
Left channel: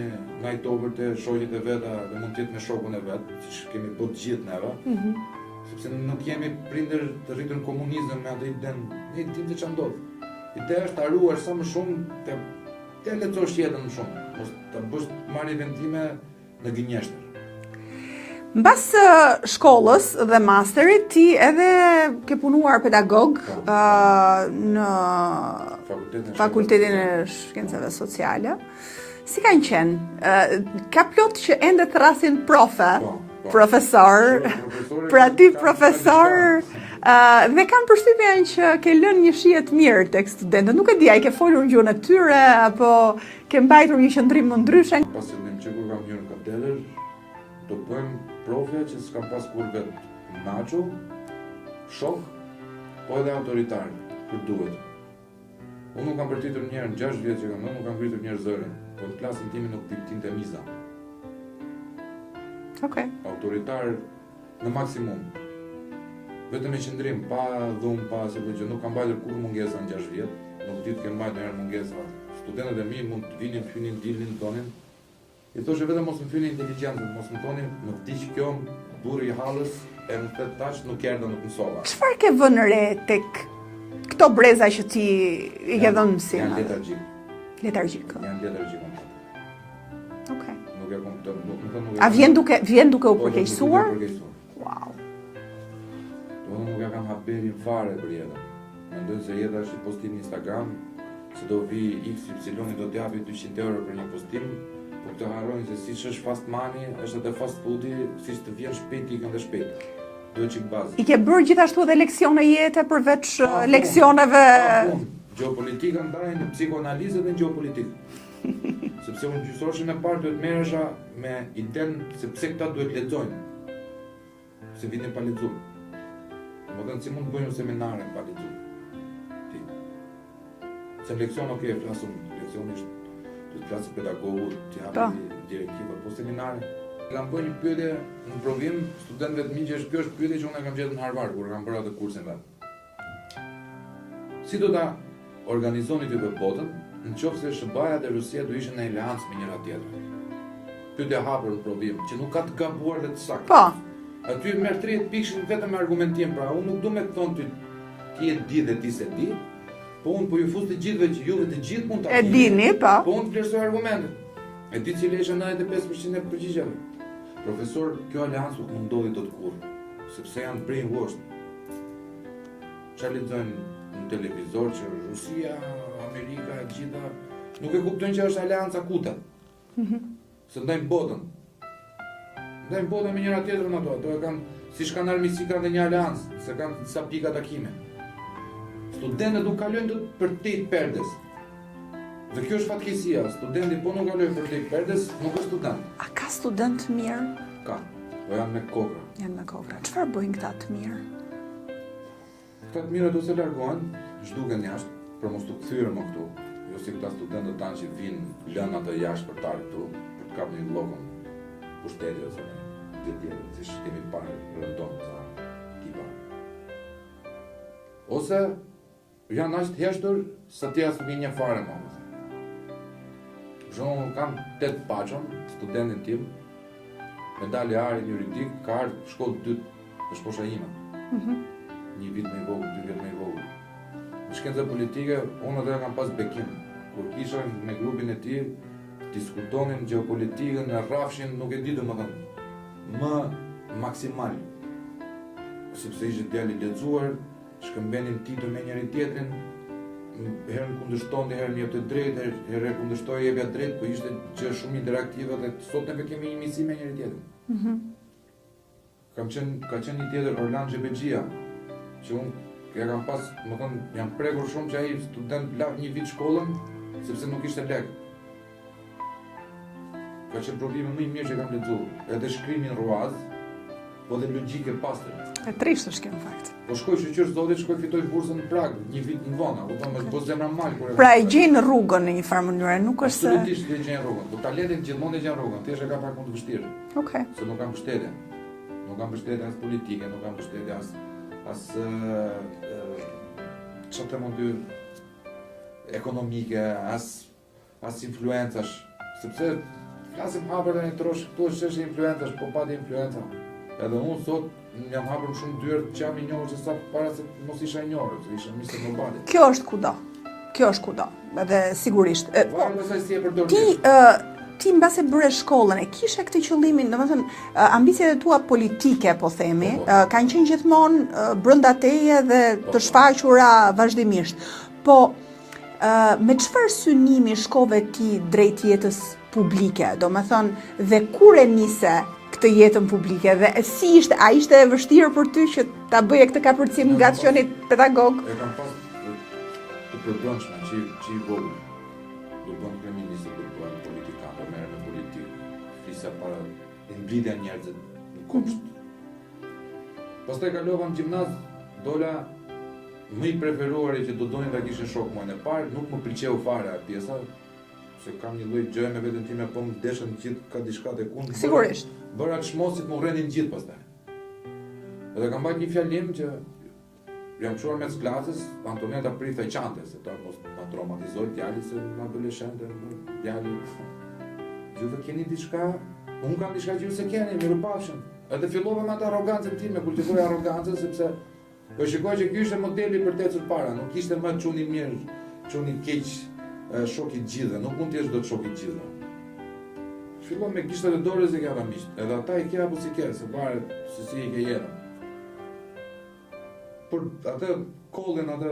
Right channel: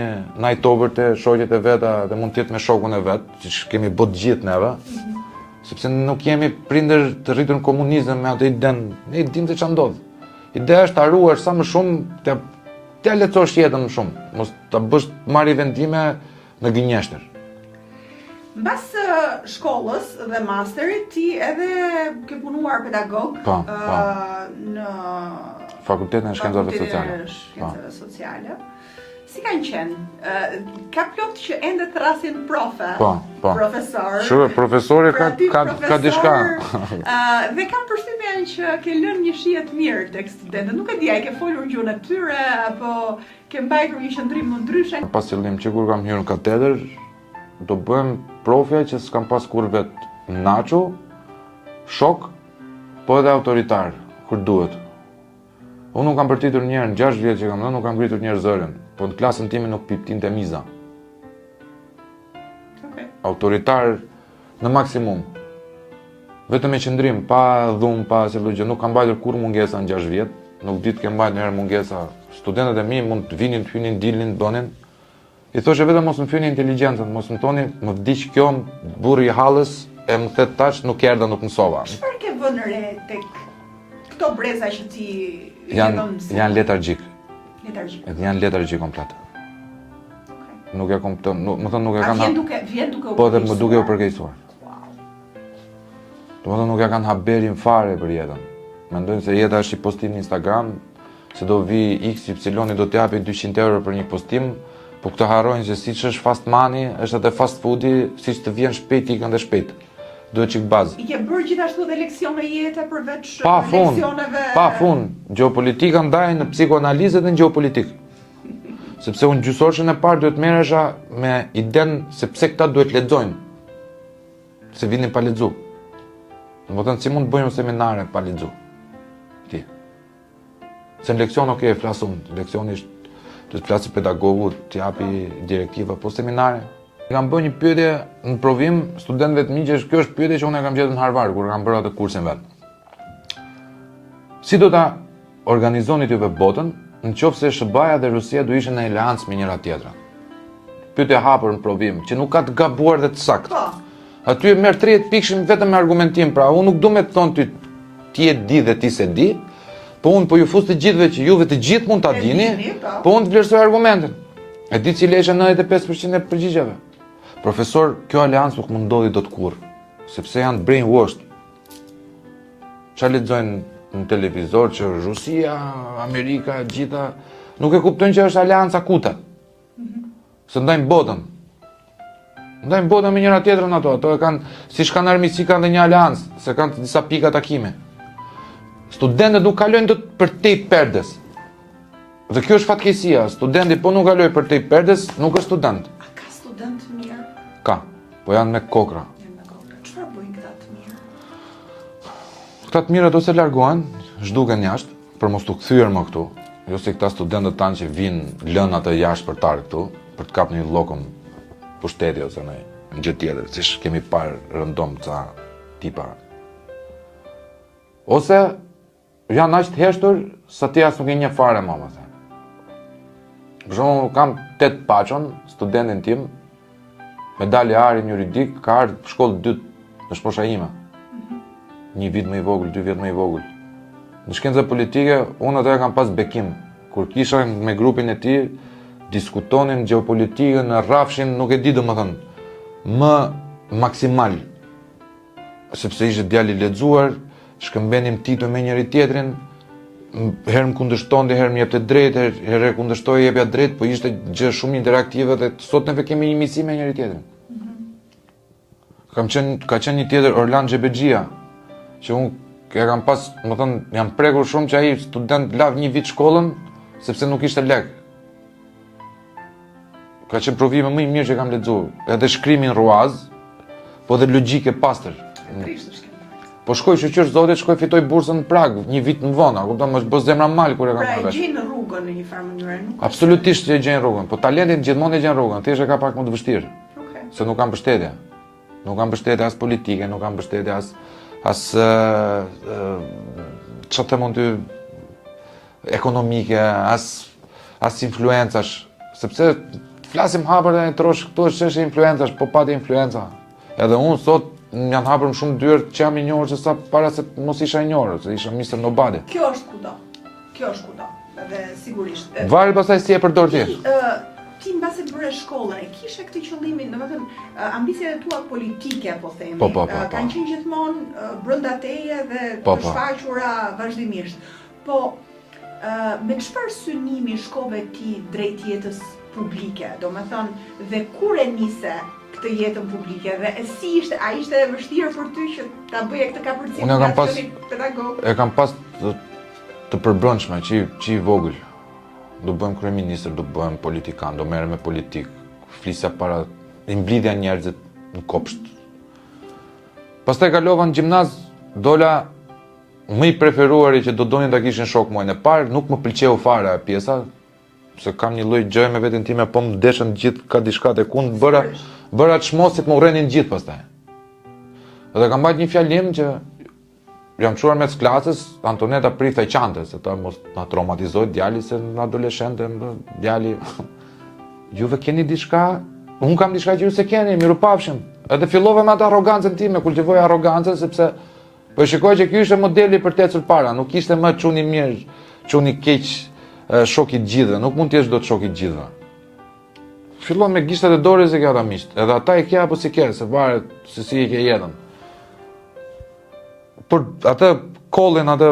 night over te shoqjet e veta dhe mund të jetë me shokun e vet, siç kemi bërë të gjithë neve. Sepse nuk jemi prindër të rritur në komunizëm me atë idenë, ne i dimë se ç'a ndodh. Ideja është ta ruash sa më shumë, t'ja lehtësosh jetën më shumë, mos ta bësh marrë vendime në gënjeshtër. Mbas shkollës dhe masterit, ti edhe ke punuar pedagog në Fakultetin e Shkencave Sociale. Si kanë qenë? Ka plot që ende të rrasin profe, profesor. Profesori pra ti ka profesor, dhe kam përshtypjen që ke lënë një shije të mirë tek studentët. Nuk e di, ai ke folur në gjuhën e tyre apo ke mbajtur një qëndrim më ndryshe? Pas qëllim që kur kam hyrë në katedër, do bëhem profja që s'kam pas kur vetë nacho, shok, po edhe autoritar, kur duhet. Unë nuk kam përtitur njerë në 6 vjetë që kam dhe, nuk kam ngritur njerë zërin, po në klasën time nuk piptin të miza. Autoritar në maksimum. Vetëm e qëndrim, pa dhum, pa se gjë, nuk kam bajtur kur mungesa në 6 vjetë, nuk ditë kem bajt njerë mungesa. Studentët e mi mund të vinin, të hynin, dilnin, të donin. I thoshe vetëm mos më fyni inteligentën, mos më toni, më vdiq kjo, burri i hallës, e më thet tash, nuk erdha, nuk mësova. Çfarë ke vënë re tek këto breza që ti i ke dhënë mësim? Janë letargjik. Letargjik. Janë letargjik komplet. Nuk e kompton, më thënë nuk e kanë... A vjen duke u përkeqësuar? Po dhe më duke u përkeqësuar. Wow. Do më thënë nuk e kanë haberin fare për jetën. Mendojnë se jeta është i postim në Instagram, se do vi XY do t'japi 200 euro për një postim, po këtë harrojnë se siç është fast money, është edhe fast foodi, siç të vjen shpejt ikën dhe shpejt. Duhet çik bazë. I ke bërë gjithashtu edhe leksione jete përveç leksioneve? Pa fund. Gjeopolitika ndaj në psikoanalizë dhe në gjeopolitik. Sepse unë gjysorshën e parë duhet merresha me idenë se pse këta duhet lexojnë. Se vinin pa lexu. Domethënë si mund të bëjmë seminare pa lexu. Ti. Se në leksion flas unë, leksioni është të flasë pedagogu, të japi direktiva, po seminare. Kam bërë një pyetje në provim studentëve të mi që kjo është pyetje që unë e kam gjetur në Harvard kur kam bërë atë kursin vet. Si do ta organizoni juve botën nëse SBA-ja dhe Rusia do ishin në aleancë me njëra tjetrën? Pyetje hapur në provim, që nuk ka të gabuar dhe të saktë. Po. Aty e merr 30 pikëshim vetëm me argumentim, pra unë nuk du me të thonë ti e di dhe ti se di, po unë po ju fus të gjithëve që juve të gjithë mund ta dini, po unë të vlerësoj argumentin. E di cili është 95% e përgjigjeve. Profesor, kjo aleancë nuk mund ndodhi dot kurrë, sepse janë brainwashed. Çfarë lexojnë në televizor që Rusia, Amerika, gjitha nuk e kuptojnë që është aleanca akute. Se ndajnë botën. Ndajnë botën me njëra tjetrën ato e kanë, siç kanë armiqsi kanë dhe një aleancë, se kanë disa pika takime. Studentët nuk kalojnë dot për tej perdes. Dhe kjo është fatkeqësia, studenti po nuk kaloj për tej perdes, nuk është student. A ka student mirë? Ka, po janë me kokra. Janë me kokra. Çfarë bëjnë këta të mirë? Këta të mirë do se largohen, zhduken jashtë, për mos të kthyer më këtu. Jo si këta studentët tanë që vinë lënë atë jashtëpërtar këtu, për të kapur një llokëm pushteti ose në gjë tjetër, siç kemi parë rëndom ca tipa. Ose janë aq të heshtur sa ti as nuk e njeh fare mama. Për shembull, kam 8 paçon, studentin tim, medalje arin juridik, ka ardhur shkollë 2, është mosha ime. 1 vit më i vogël, 2 vjet më i vogël. Në shkencë politike, unë atë kam pas bekim. Kur kisha me grupin e tij, diskutonin gjeopolitikën, rrafshin, nuk e di domethënë, më maksimal. Sepse ishte djalë i lexuar, shkëmbenim titull me njëri tjetrin, herë më kundërshtonte, herë më jepte drejt, herë kundërshtoi jepja drejt, po ishte gjë shumë interaktive dhe sot neve kemi një miqësi me njëri tjetrin. Ka qenë një tjetër Orlan Xhebexhia, që unë e kam pas, më thënë, jam prekur shumë që ai student lav 1 vit shkollën, sepse nuk ishte lek. Ka qenë provime më i mirë që kam lexuar, edhe shkrimin ruaz, po dhe logjike pastër. E trisht është në fakt. Po shkoj shoqësh zotit, shkoj fitoj bursën në Prag, 1 vit më vonë, kupton, më bë zemra mal kur e kam. Pra e gjejnë rrugën në një farë mënyrë, nuk është. Absolutisht e gjejnë rrugën, po talentin gjithmonë e gjen rrugën, thjesht e ka pak më të vështirë. Okej. Se nuk kam mbështetje. Nuk kam mbështetje as politike, nuk kam mbështetje as çfarë të mund të ekonomike, as influencash, sepse flasim hapër dhe trosh këtu është çështje influencash, po pa të influenca. Edhe unë sot janë hapur më shumë dyert që jam i njohur se sa para se mos isha i njohur, se isha Mr. Nobody. Kjo është kudo. Kjo është kudo. Edhe sigurisht. Varet pastaj si e përdor ti. Ti mbase bëre shkollën, e kishe këtë qëllimin, domethënë ambiciet e tua politike, po themi, kanë qenë gjithmonë brenda teje dhe të shfaqura vazhdimisht. Po me çfarë synimi shkove ti drejt jetës publike, domethënë, dhe kur e nise këtë jetën publike dhe si ishte, a ishte e vështirë për ty që ta bëje këtë kapërcim nga aksioni pedagog? E kam pas të përbrëndshme, që i vogël. Do bëhem kryeministër, do bëhem politikan, do merrem me politikë, flisja para, i mblidhja njerëzit në kopsht. Pastaj kalova në gjimnaz, dola më i preferuari që do donin ta kishin shok muajin e parë, nuk më pëlqeu fare pjesa, se kam një lloj gjëje me veten time, po më deshën gjithë ka diçka te kund, bëra çmosit më urrenin gjithë pastaj. Edhe kam bajt një fjalim që jam çuar mes klasës, Antoneta prifte qante, se ta mos na traumatizoj djali se në adoleshente, djali, juve keni diçka, unë kam diçka që ju se keni, miru pafshim. Edhe fillova me atë arrogancën time, kultivoj arrogancën, sepse po shikoj që ky ishte modeli për të ecur para, nuk ishte më çuni mirë, çuni keq, shoki i gjithëve, nuk mund të jesh dot shoki i gjithëve. Fillon me gishtat e dorës e kjo ata miqt, edhe ata e ke apo si ke, se varet se si e ke jetën. Për atë kollin, atë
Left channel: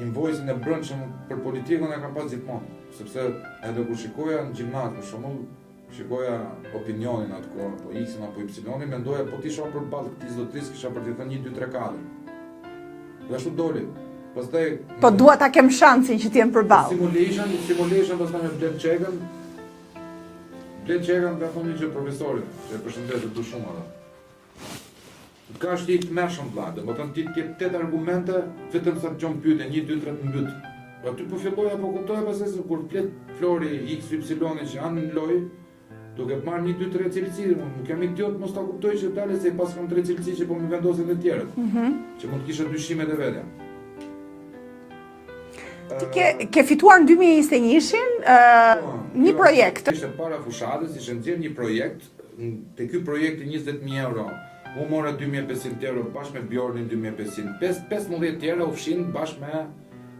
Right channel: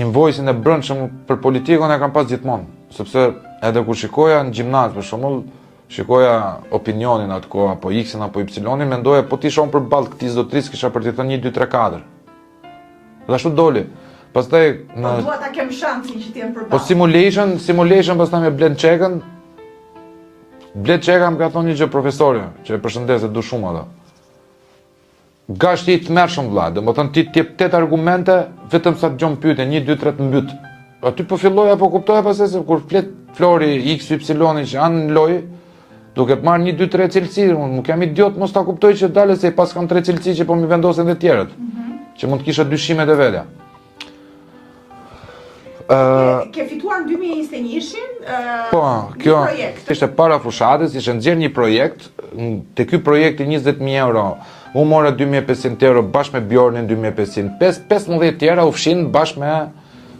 invoice-in e brendshëm për politikën e kam pas gjithmonë, sepse edhe kur shikoja në gjimnaz, për shembull, shikoja opinionin atë kohë, apo X-in apo Y-in, mendoja po ti shon përballë këtij zotërisë kisha për t'i thënë 1 2 3 4. Dhe ashtu doli. Pastaj po dua ta kem shansin që të jem përballë. Po simulation pastaj me Bled Çekën. Bled Çeka më ka thonë një gjë profesore, që e përshëndes se du shumë ato. Gashti i të mërshëm vlla, domethënë ti jep 8 argumente vetëm sa të gjon pyetje, 1 2 3 të mbyt. Aty po filloj apo kuptoj pastaj se kur flet Flori X Y që janë në lojë, duke të marrë 1 2 3 cilësi, unë nuk jam idiot mos ta kuptoj që dalë se pas kam 3 cilësi që po mi vendosen të tjerët. Që mund të kisha dyshimet e vetja. Ke fituar në 2021-shin një projekt. Ishte para fushatës, ishte nxjerr një projekt, te ky projekti 20.000 euro. Unë mora 2.500 euro bashkë me Bjornin, 2.500, 15 tjera u fshin bashkë me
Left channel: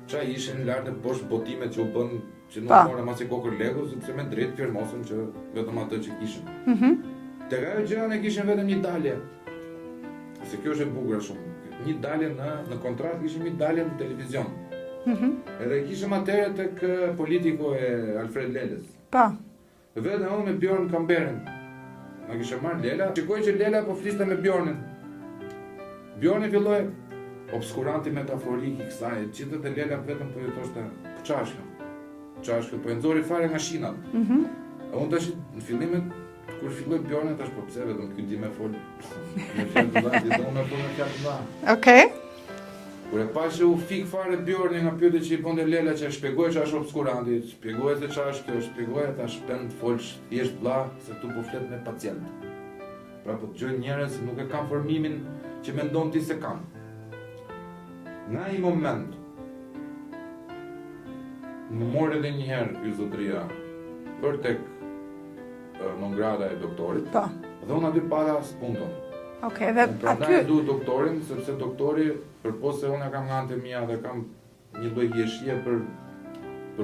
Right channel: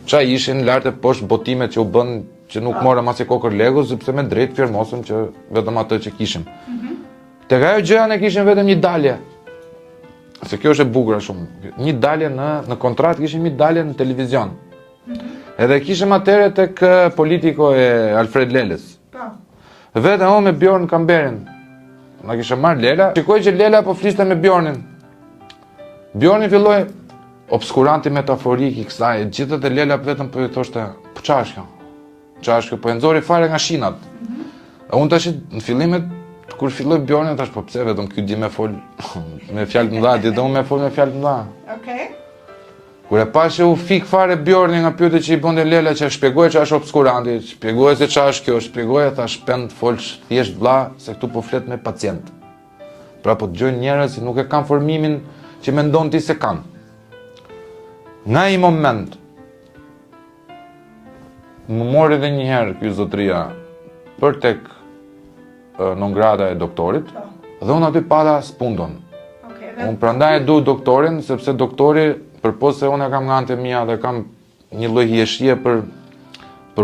qa ishin lart e poshtë botimet që u bën, që nuk mora masi kokër legu, sepse me drejt firmosëm që vetëm atë që kishim. Tek ajo gjëja ne kishim vetëm një dalje. Se kjo është e bukur shumë. Një dalje në kontratë kishim një dalje në televizion. Edhe kishim atëre tek politiko e Alfred Leles. Vetëm unë me Bjorn Kamberin. Na kisha marrë Lela, shikoj që Lela po fliste me Bjornin. Bjorni filloi obskuranti metaforik i kësaj, gjithët e Lela vetëm po i thoshte, po çfarë është kjo? Çfarë është kjo? Po e nxori fare nga shinat. Unë tash në fillimet kur filloi Bjorni tash po pse vetëm ky di me fol me fjalë të mëdha, di do me fol me fjalë të mëdha. Okej. Kur e pash u fik fare Bjorni nga pyetja që i bënte Lela që shpjegoi çfarë është obskuranti, shpjegoi se çfarë është kjo, shpjegoi thash pend folsh thjesht vlla se këtu po flet me pacient. Pra po dëgjojnë njerëz që nuk e kanë formimin që mendon ti se kanë. Nga i moment më mori edhe një herë ky zotëria për tek non grada e doktorit, Po. dhe unë aty pata spundon. Okej, dhe Unë prandaj e du doktorin, sepse doktori, përpos se unë e kam nga antë mia dhe kam një lloj hieshie për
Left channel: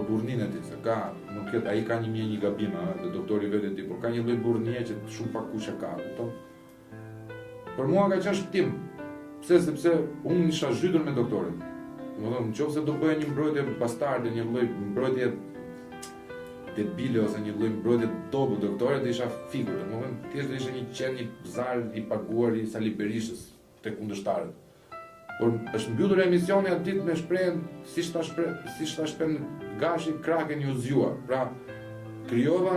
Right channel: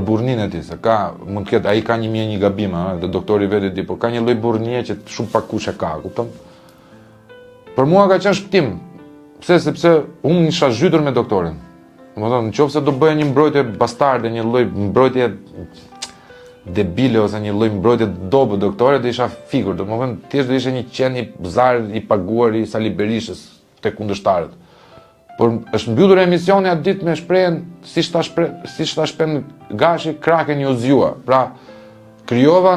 burrnin e tij, se mund të ketë ai ka një gabim, dhe doktori vetë di, por ka një lloj burrnie që shumë pak kush e ka, kupton? Për mua ka qenë shpëtim. Pse? Sepse unë isha zhytur me doktorin. Domethënë, nëse do bëja një mbrojtje bastarde, një lloj mbrojtje debile ose një lloj mbrojtje dobë doktore, do isha fikur. Domethënë, thjesht do ishte një qen i zar i paguar i Sali Berishës tek kundërshtarët. Por është mbyllur emisioni atë ditë me shprehjen siç ta shpen Gashi, kraken ju zgjua. Pra, krijova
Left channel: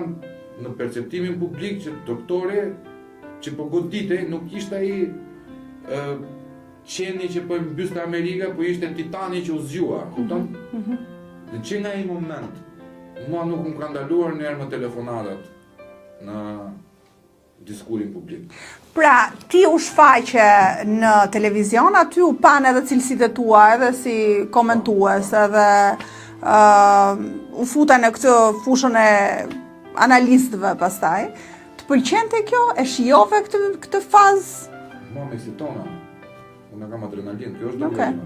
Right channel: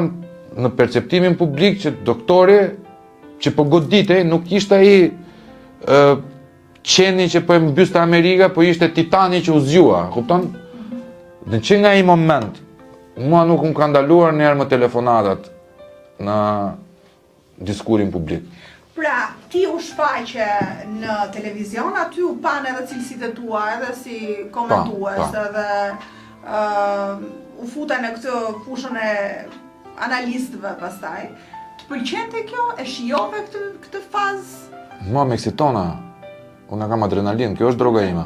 në perceptimin publik që doktori që po goditej nuk ishte ai qeni që po e mbyste Amerika, po ishte titani që u zgjua, kupton? Në që nga ai moment, mua nuk më ka ndaluar njëherë më telefonatat në diskurin publik. Pra, ti u shfaqe në televizion, aty u pan edhe cilësitë e tua, edhe si komentues, edhe u futa në këtë fushën e analistëve pastaj. Të pëlqente kjo? E shijove këtë fazë? Mua me eksitona, unë kam adrenalin, kjo është droga ime.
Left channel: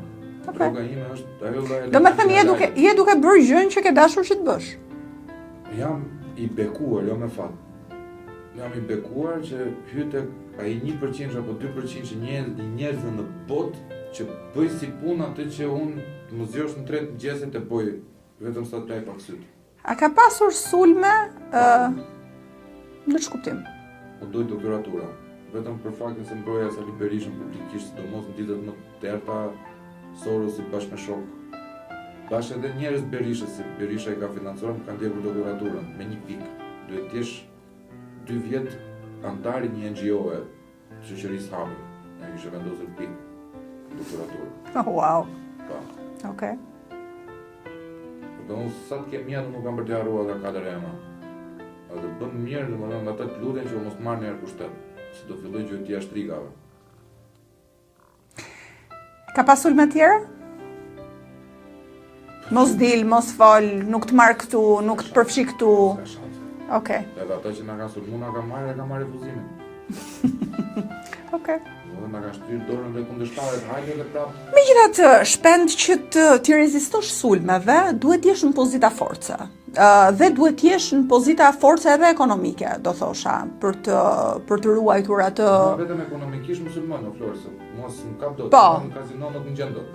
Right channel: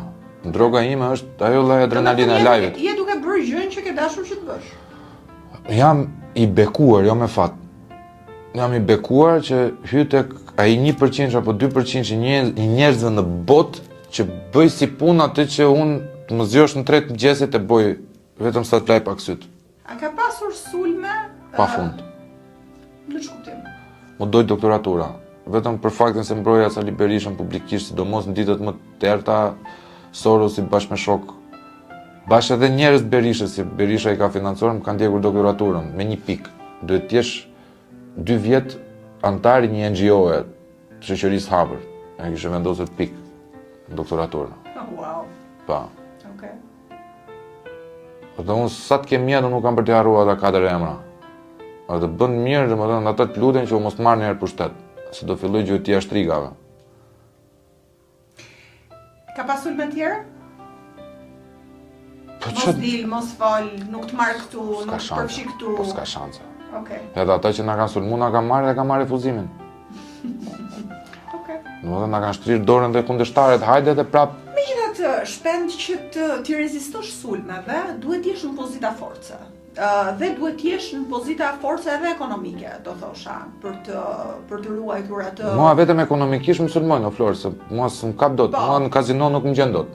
Droga ime është ajo lloj adrenalina e lajit. Je duke bërë gjën që ke dashur që të bësh. Jam i bekuar, jo me fat. Jam i bekuar që hy tek ai 1% apo 2% që njerëzve në botë që bëj si punë atë që unë të më zgjosh në 3 mëngjesit e bëj vetëm sa të laj pak syt. A ka pasur sulme? Pafund. Në ç'kuptim? Mu doj doktoratura. Vetëm për faktin se mbroja Sali Berishën publikisht, sidomos në ditët më të errta, Sorosi bashkë me shok. Bashkë edhe njerëz Berishës, si Berisha i ka financuar, më kanë ndjekur doktoraturën me 1 pikë. Duhet të jesh 2 vjet antar i një NGO-e të shoqërisë hapur. Ai kishte vendosur pikë doktoraturën. Oh, wow. Pa. Okej. Dhe unë sa të kem mjetë nuk kam për të harruar ata 4 emra. A të bën mirë, domethënë ata të luten që u mos marr njëherë pushtet, se do filloj gjuetia shtrigave. Ka pas sulme tjera? Mos dil, mos fol, nuk të marr këtu, nuk të përfshi këtu. S'ka shanse. Okej. Edhe ata që na kanë sulmuar na kanë marrë dhe kanë marrë refuzimin. Okej. Domethënë na kanë shtrirë dorën dhe kundërshtarët, hajde edhe prap. Megjithatë, shpend që ti rezistosh sulmeve, duhet jesh në pozita force. Dhe duhet jesh në pozita force edhe ekonomike, do thosha, për të ruajtur atë. Mua vetëm ekonomikisht më sulmojnë, o Florë, se mua s'm kap dot. Mua në kazino nuk më gjen dot.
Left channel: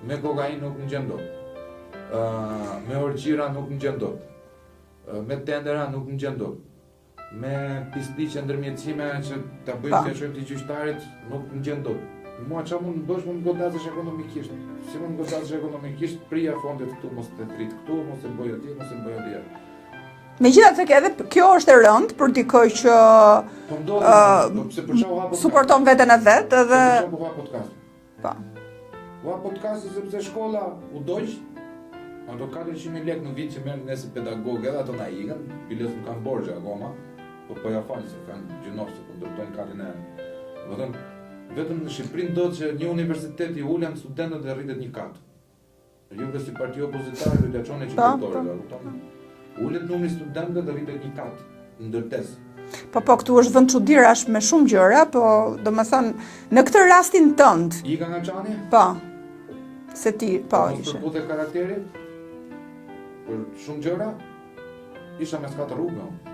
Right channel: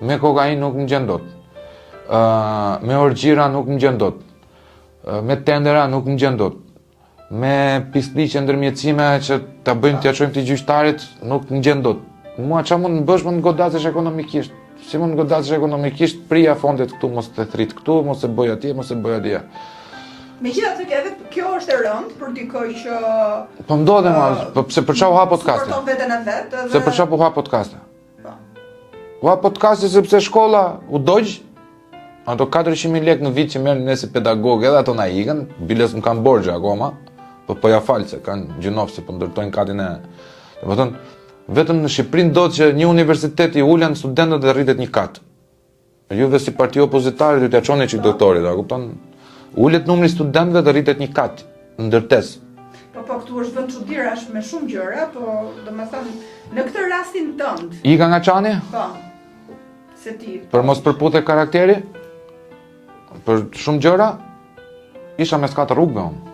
Me kokainë nuk më gjen dot. Me orgjira nuk më gjen dot. Me tendera nuk më gjen dot. Me pisliqe ndërmjetësime që ta bëjmë t'ia çojmë të gjyqtarit nuk më gjen dot. Mua çfarë mund të bësh, mund të godasesh ekonomikisht. Si mund të godasesh ekonomikisht, prija fondet këtu, mos të thrit këtu, mos e bëj atje, mos e bëj atje. Megjithatë edhe kjo është e rëndë për dikoj që Po ndodhem, po pse për çfarë u ha podcasti? Suporton veten e vet edhe Se për çfarë u ha podcasti? Po. U ha podcasti sepse shkolla u dogj. Ato 400.000 lekë në vit që merrin ne si pedagog, edhe ato na ikën, biles më kanë borxhe akoma, po ja fal se kanë gjinofse po ndërtojnë katin e. Domethënë, vetëm në Shqipëri ndodh që një universitet i ulen studentët dhe rritet një kat. Juve si parti opozitare do t'ia çoni çik doktorit, a kupton? Ulet numri i studentëve dhe rritet një kat ndërtesë. Po këtu është vend çuditërash me shumë gjëra, po domethënë në këtë rastin tënd. Ika nga çani? Po. Se ti po. Për mos përputhje karakteri? Për shumë gjëra, isha mes 4 rrugëve unë.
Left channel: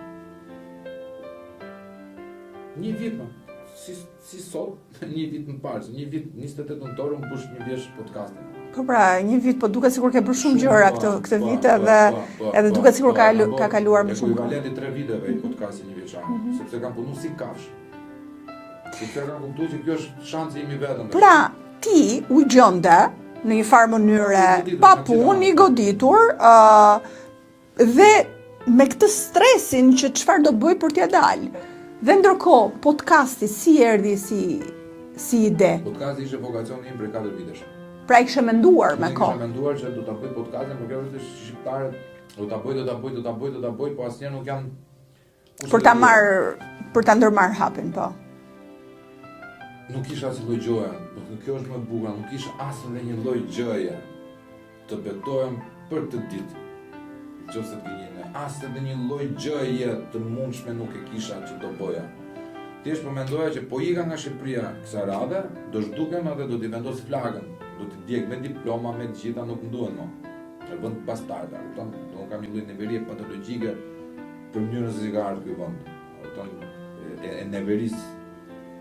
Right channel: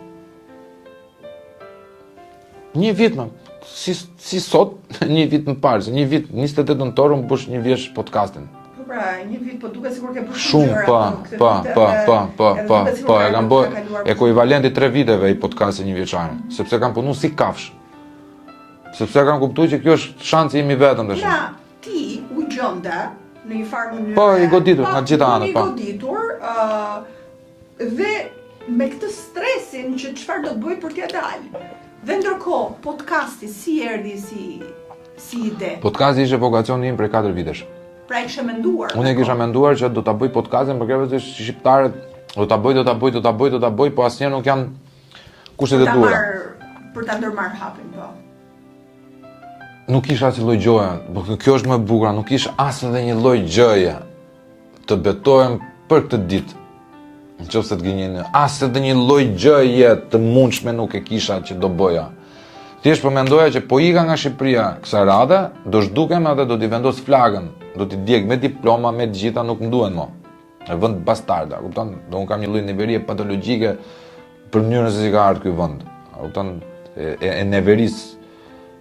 Një vit më, si sot, një vit më parë, se një vit 28 nëntor unë bësh një vjeç podcastin. Po pra, një vit, po duket sikur ke bërë shumë gjëra këtë vit edhe duket sikur ka kaluar. Ekuivalenti 3 viteve i podcastit një vjeçar, sepse kam punuar si kafsh. Sepse kam kuptuar që kjo është shansi im i vetëm tash. Pra, ti u gjende në një farë mënyrë. Po, i goditur nga gjitha anët. I goditur dhe me këtë stresin që çfarë do bëj për t'ia dalë. Dhe ndërkohë, podcasti si erdhi si ide? Podcasti ishte vokacioni im prej 4 vitesh. Pra i kishe menduar. Unë kisha menduar që do ta bëj podcastin për këtë që shqiptarët do ta bëj, po asnjëherë nuk janë kushtet e duhura. Për ta ndërmarrë hapin, po. Nuk isha asnjë lloj gjoje, por kjo është më e bukur, nuk isha as edhe një lloj gjëje të betohem për këtë ditë. Nëse të gënjen, as edhe një lloj gjëje të mundshme nuk e kisha që do bëja. Thjesht po mendoja që po ika nga Shqipëria kësaj radhe, do zhdukem edhe do t'i vendos flagën, do t'i djeg me diploma, me të gjitha nuk më duhen më. Në vend bastarda, kupton? Do unë kam një lloj neverie patologjike për mënyrën se si ka ardhur ky vend. Kupton? E neveris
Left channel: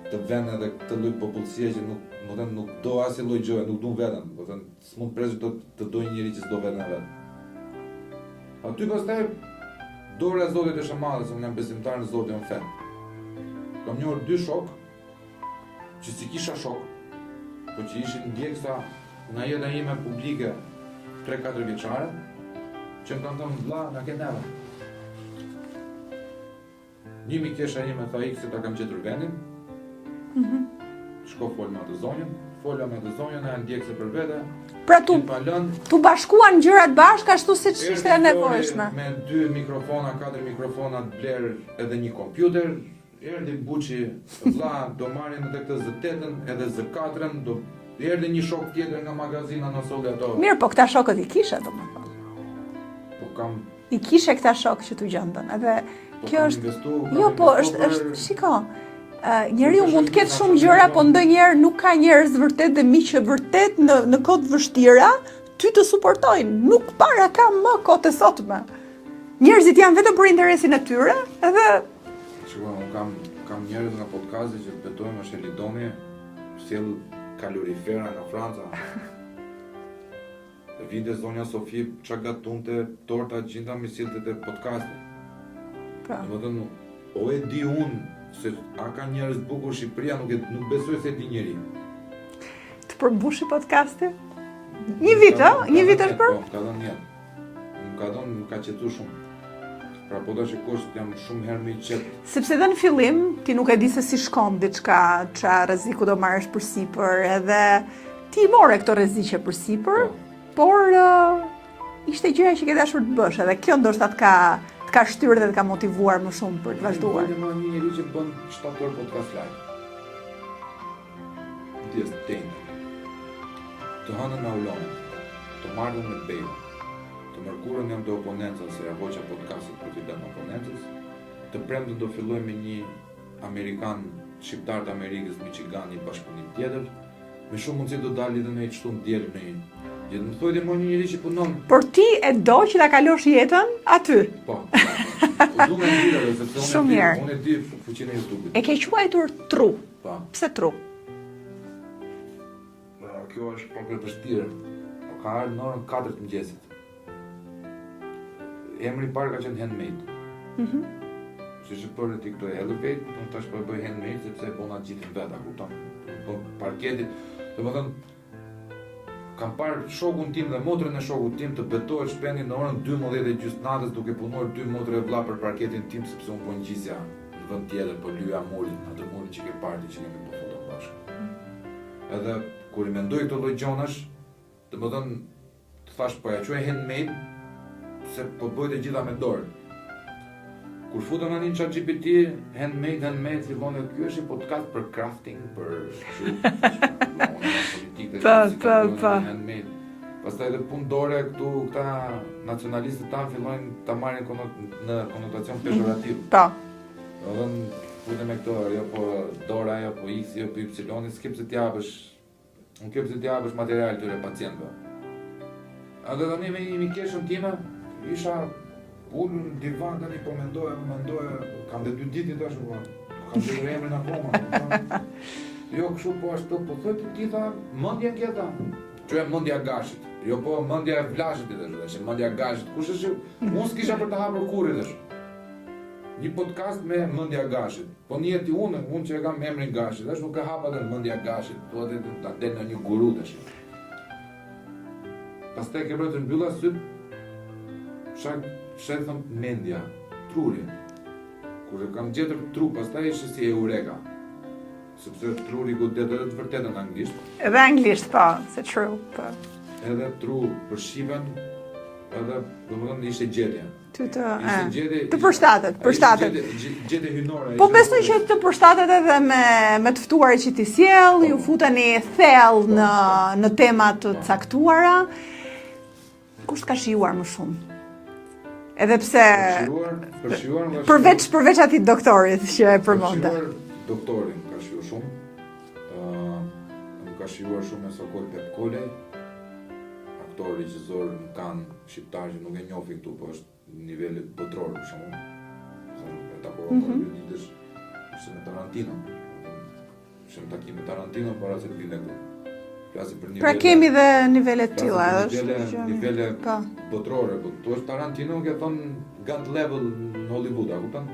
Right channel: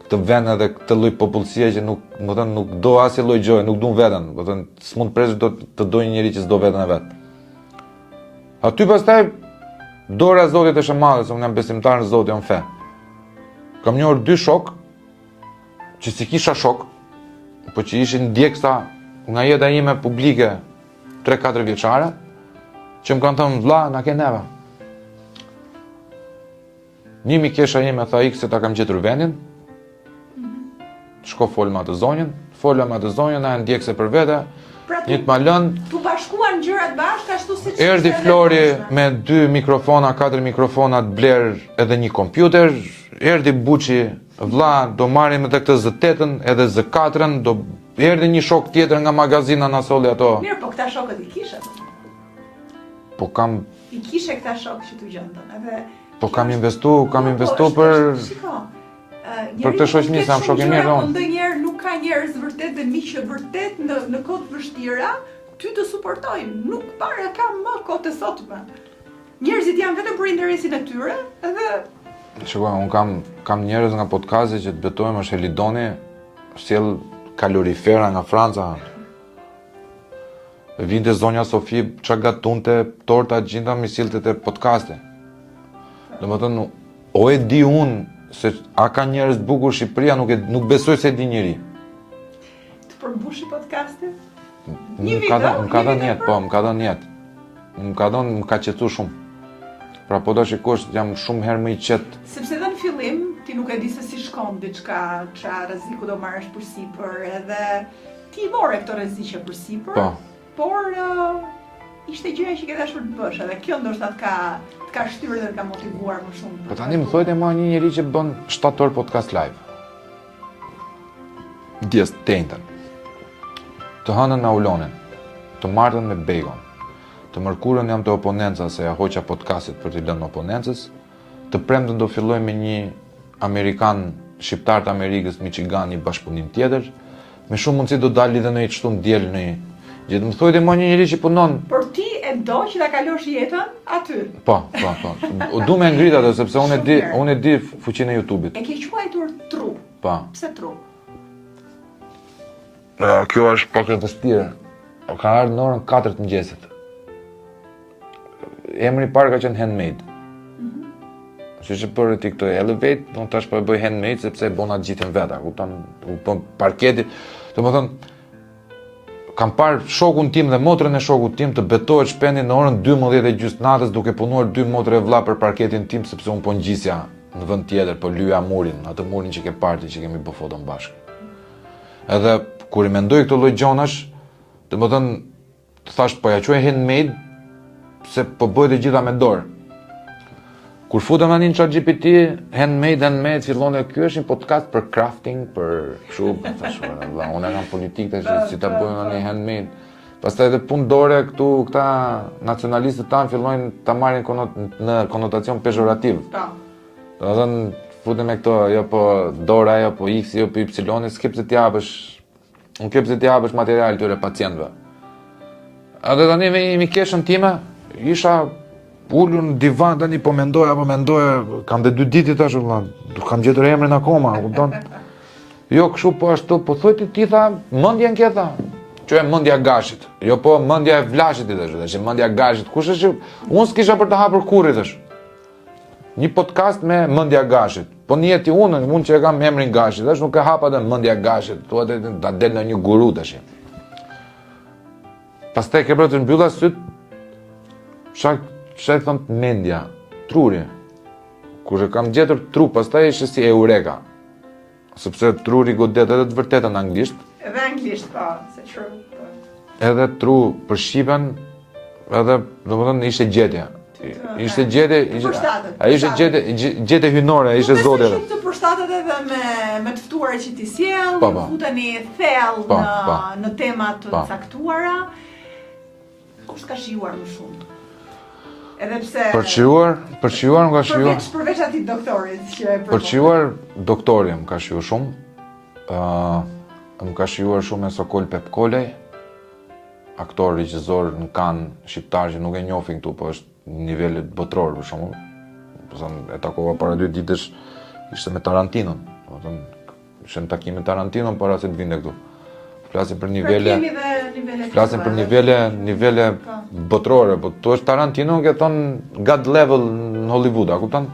këtë vend edhe këtë lloj popullsie që nuk do asnjë lloj gjëje, nuk duan veten, do të thënë s'mund presh do të dojë një njeri që s'do veten e vet. Aty pastaj dora e Zotit është e madhe, se unë jam besimtar në Zotin, jam fe. Kam njohur 2 shok që si kisha shok, po që ishin ndjeksa nga jeta ime publike 3-4 vjeçare, që më kanë thënë vlla, na ke neve. Një mikesha ime tha ik se ta kam gjetur vendin. Shko fol me atë zonjën, na e ndjekse për vete. Pra tu bashkuan gjërat bashkë ashtu siç ishte Erdhi Flori me 2 mikrofona, 4 mikrofona të bler edhe një kompjuter. Erdhi Buçi, vlla, do marrim edhe këtë Z8-ën, edhe Z4-ën, erdhi një shok tjetër nga magazina na solli ato. Mirë, po këta shokët i kisha domethënë. Po kam I kishe këta shokë që t'u gjendën, edhe po kam investu për shiko. Njeriu mund të ketë shumë gjëra, po ndonjëherë nuk ka njerëz vërtet dhe miq vërtet në kohë të vështira ty të suportojnë. Nuk para ka më kohë të sotme. Njerëzit janë vetëm për interesin e tyre, edhe shiko, un kam njerëz nga podcasti që të betojmë është Elidoni, sjell kalorifera nga Franca. Vinte zonja Sofi, çka gatunte torta gjinda mi sillte te podcasti. Domethënë, o e di unë se a ka njerëz bukur Shqipëria, nuk besoj se di njëri. Të përmbushi podcastin? Një vit për? Po, më ka dhënë jetë. Më ka qetu shumë. Pra po do shikosh, jam shumë herë më i qetë. Sepse dhe në fillim, ti nuk e di se si shkon diçka, qa rreziku do marrësh përsipër, edhe ti more këto rreziqe përsipër, por ishte gjëja që ke dashur të bësh, edhe kjo ndoshta të ka shtyrë dhe të ka motivuar më shumë për të vazhduar. Tani më thojtë ma një njeri që bën 7 orë podcast live. Djes tentën. Të hënën na ulonin, të martën me bacon. Të mërkurën jam të oponenca se ja hoqa podcastit për t'i lënë oponencës. Të premtën do filloj me një Amerikan, shqiptar të Amerikës, Michigan, një bashkëpunim tjetër. Me shumë mundësi do dalë dhe në i qëtu në djelë në i gjithë. Më thojtë ma një njëri që punon. Por ti e do që ta kalosh jetën aty? Po. Du me ngrit ato, sepse unë e di fuqinë e YouTube-it. E ke quajtur tru. Po. Pse tru? Kjo është pak e vështirë. Ka ardhur në orën 4 të mëngjesit. Emri i parë ka qenë Handmade. Si që për ti këtë Elevate, do të tash po e bëj Handmade sepse e bona gjithën veta, kupton, parketi. Domethënë kam parë shokun tim dhe motrën e shokut tim të betohet shpendi në orën 12:30 natës duke punuar 2 motrë e vlla për parketin tim sepse un po ngjisja në vend tjetër, po lyja murin, atë murin që ke parti që kemi bë foton bashkë. Edhe kur i mendoj këto lloj gjonash, domethënë thash po ja quaj Handmade se po bëj të gjitha me dorë. Kur futëm tani në ChatGPT, handmade, fillon dhe ky është një podcast për crafting, për kështu, unë kam politikë si ta bëjmë një handmade. Pastaj edhe punë dore këta nacionalistët tanë fillojnë ta marrin në konotacion pejorativ. Po. Do të thënë futem me këto, jo po dora, jo po X, jo po Y, s'ke pse t'i japësh material këtyre pacientëve. Edhe tani me keshën time, isha ullur në divan, tani po mendoja, kam dhe 2 ditë tash, kam gjetur emrin akoma, kupton? Jo, kështu po ashtu, po thoj ti tha, mendjen ke tha. Që e mendja gashit. Jo po mendja e vlashit i tash, mendja gashit. Kush është? Unë s'kisha për të hapur kurrë tash. Një podcast me mendja gashit. Po njeti unë që e kam emrin gashit, tash nuk e hapa dhe mendja gashit. Thua ta del në një guru tash. Pastaj ke bërë të mbylla syt. Shaj thëmë mendja, truri. Kur e kam gjetur tru, pastaj ishte si eureka. Sepse truri godet edhe të vërtetën anglisht. Edhe anglisht, po, se true, po. Edhe tru për shqipen, edhe, domethënë, ishte gjetje. Ishte gjetje... Të përshtatet. Ishte gjetje hynore, ishte zotje. Po besoj që të përshtatet edhe me të ftuarit që ti sjell, ju futeni thellë në tema të caktuara. Kush ka shijuar më shumë? Edhe pse Përqiuar më ka shijuar. Përveç atij doktorit që e përvonte. Përqiuar doktori më ka shijuar shumë. Më ka shijuar shumë e Sokol Pepkolej, aktor, regjisor në Cannes shqiptar që nuk e njohin këtu, po është nivelet botror për shembull. E takova para 2 ditësh, ishte me Tarantinon. Ishte në takim me Tarantinon para se të vinte këtu. Flasim për nivele. Pra kemi dhe nivele të tilla. Flasim për nivele botrore, po tu është Tarantino që thon God level në Hollywood, a kupton?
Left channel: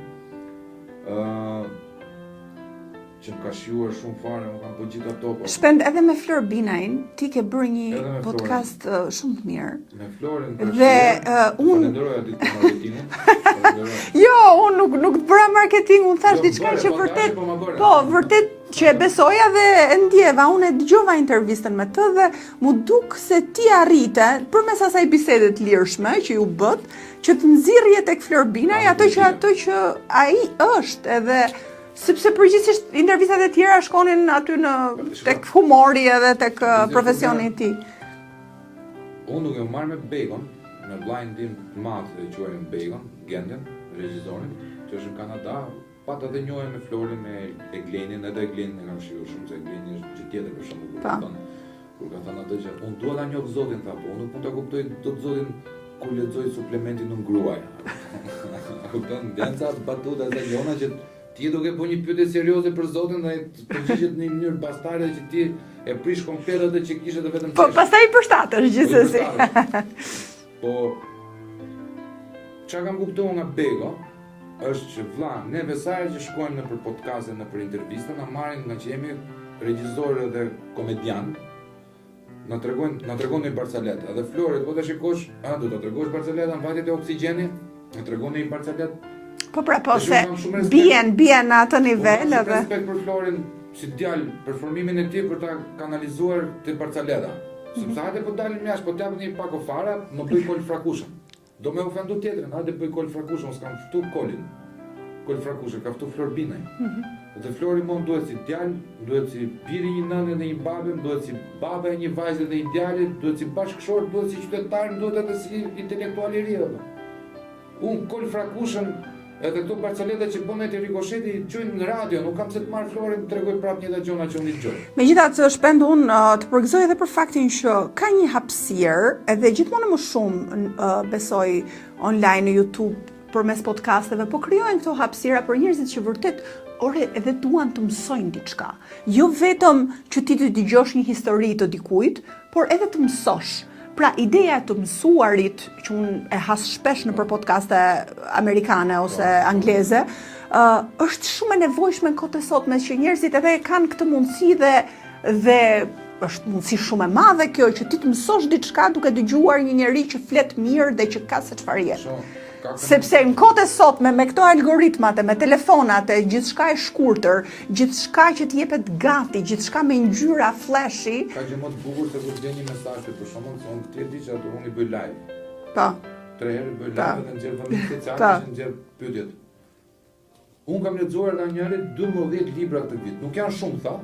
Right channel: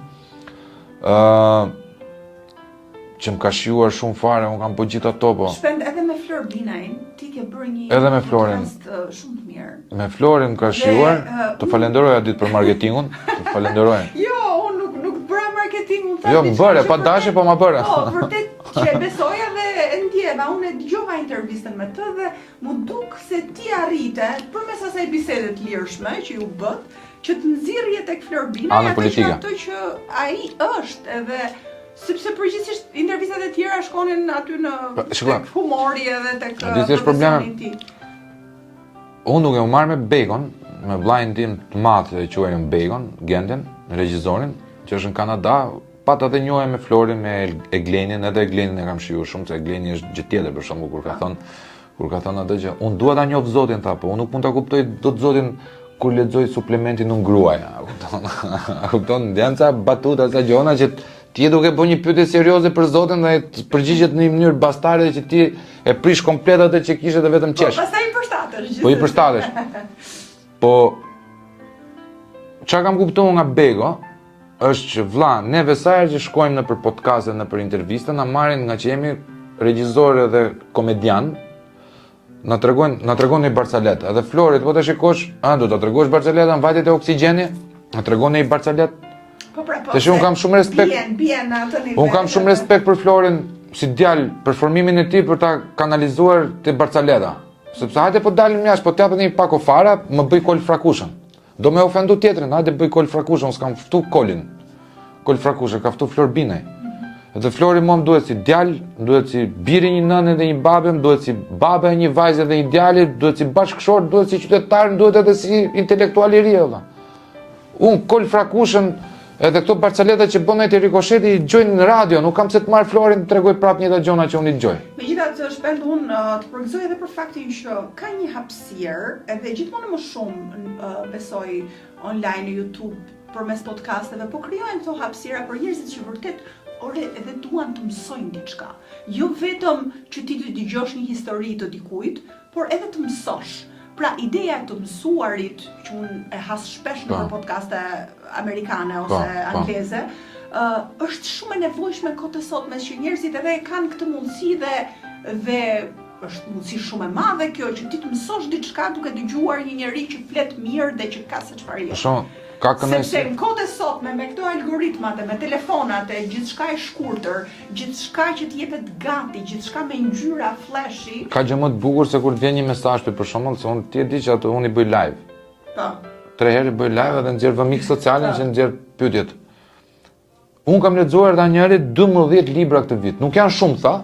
Që më ka shijuar shumë fare, unë kam po gjithë ato, po. Shpend edhe me Flor Binajn, ti ke bërë një podcast shumë të mirë. Me Florin më ka shijuar, të falenderoja ditë për marketingun, të falenderoja. Jo, unë nuk të bëra marketingun, thash diçka. Jo, më bëre, pa dashje, po ma bëre. Po, vërtet që e besoja dhe e ndjeva, unë e dëgjova intervistën me të dhe mu duk se ti arrite, përmes asaj bisede të lirshme që ju bët, që të nxirrje tek Flor Binaj ato që ai është edhe sepse përgjithsisht intervistat e tjera shkonin aty në tek humori edhe tek profesioni i tij. Unë duke u marrë me Bacon, me vllajën tim të madh që quajmë Bacon, Genden, regjisorin, që është në Kanada, pat edhe njohem me Florin, me Eglenin, edhe Eglenin e kam shijuar shumë, se Egleni është gjë tjetër për shembull kur ka thënë atë që unë dua ta njoh Zotin, tha, po unë nuk mund ta kuptoj dot Zotin kur lexoj suplementin në gruaja. A kupton? Janë ca batuta, ca gjona që ti duke bërë një pyetje serioze për Zotin dhe të përgjigjet në një mënyrë bastare që ti e prish komplet atë që kishe dhe vetëm qesh. Po pastaj i përshtatesh gjithsesi. Po i përshtatesh. Po çka kam kuptuar nga Bego është që vlla, neve sa herë që shkojmë në për podcaste, në për intervista, na marrin nga që jemi regjisorë dhe komedian, na tregon një Barcalet. Edhe Florit, po të shikosh, do ta tregosh Barcaletën vajtet e oksigjeni, na tregon një Barcalet. Po pra, po. Tash unë kam shumë respekt. Bien në atë nivel. Unë kam shumë respekt për Florin si djalë, për formimin e tij për ta kanalizuar te Barcaleta. Sepse hajde po dalim jashtë, po t'japet një pako fara, më bëj kol frakushën. Do me ofendu tjetrin, hajde bëj kol frakushën, s'kam ftu kolin. Kol frakushën, ka ftu Flor Binaj. Dhe Flori mua më duhet si djalë, duhet si biri një nënë dhe një babe, duhet si babe një vajzë dhe një djali, duhet si bashkëshor, duhet si qytetar, duhet edhe si intelektual i ri. Unë kol frakushën, edhe këto Barcaleta që bën ai rikosheti i gjojnë në radio, nuk kam se të marr Florin të tregoj prapë një gjona që unë i gjoj. Megjithatë, shpend unë të përgëzoj edhe për faktin që ka një hapësirë, edhe gjithmonë më shumë besoj online në YouTube përmes podcasteve, po krijojnë këto hapësira për njerëzit që vërtet edhe duan të mësojnë diçka. Jo vetëm që ti të dëgjosh një histori të dikujt, por edhe të mësosh. Pra, ideja të mësuarit, që unë e has shpesh në për podcaste amerikane ose angleze, është shumë e nevojshme në kohët e sotme që njerëzit edhe kanë këtë mundësi dhe është mundësi shumë e madhe kjo që ti të mësosh diçka duke dëgjuar një njeri që flet mirë dhe që ka se çfarë jetë. Sepse në kohët e sotme me këto algoritmat, me telefonat, gjithçka e shkurtër, gjithçka që t'jepet gati, gjithçka me ngjyra flashy. Ka gjë më të bukur se kur të vjen një mesazh për shembull, se unë ti e di që ato unë i bëj live. Po. 3 herë i bëj live dhe nxjerr vëmik sociale që nxjerr pyetjet. Unë kam lexuar dha njëri 12 libra këtë vit. Nuk janë shumë tha,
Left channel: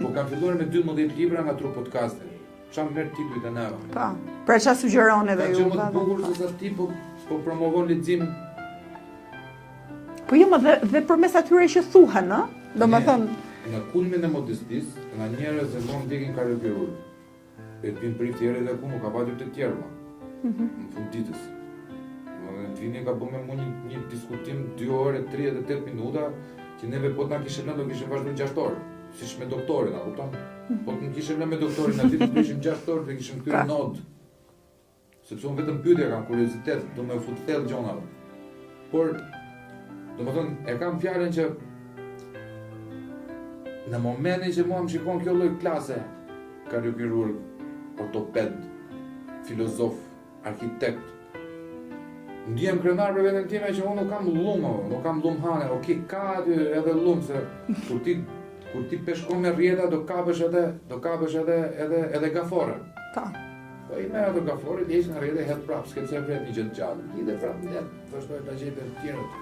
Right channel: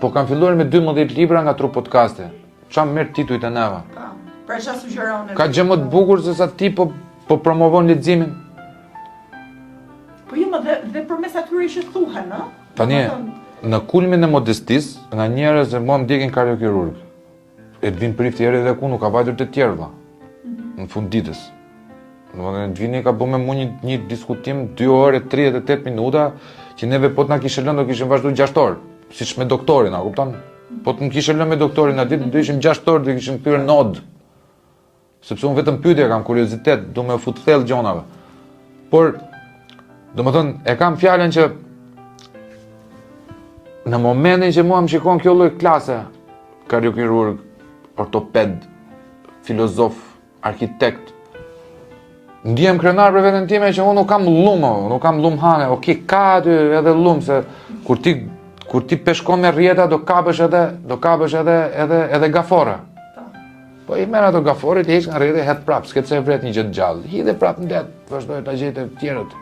po kam filluar me 12 libra nga Tru Podcaste. Çfarë merr titujt e neva. Po. Pra çfarë sugjeron edhe. Ka gjë më të bukur se sa ti po promovon leximin. Po jo, dhe përmes atyre që thuhen, ë? Tani, në kulmin e modestisë, nga njerëz që mua më ndjekin kardiokirurg. Edvin Prifti erdhi dhe ku nuk ka vajtur të tjerë valla. Në fund ditës. Domethënë Edvini ka bërë me mua një diskutim 2 orë 38 minuta që neve po të na kishte lënë do kishim vazhduar 6 orë, siç me doktorin, a kupton? Po të më kishte lënë me doktorin aty do ishim 6 orë, do kishim kthyer nod. Sepse unë vetëm pyetje kam kuriozitet, do me u fut thellë gjonave. Por domethënë e kam fjalën që në momentin që mua më shikon kjo lloj klase, kardiokirurg, ortoped, filozof, arkitekt, ndihem krenar për veten time që unë nuk kam nuk kam hane, ka aty edhe se kur ti peshkon me rrjeta do kapësh edhe gafora. Po i merr ato gaforit, heq nga rrjeti, het prap, s'ke pse vret një gjë të gjallë. Hidhe prap në det, vazhdoj ta gjej të tjerët.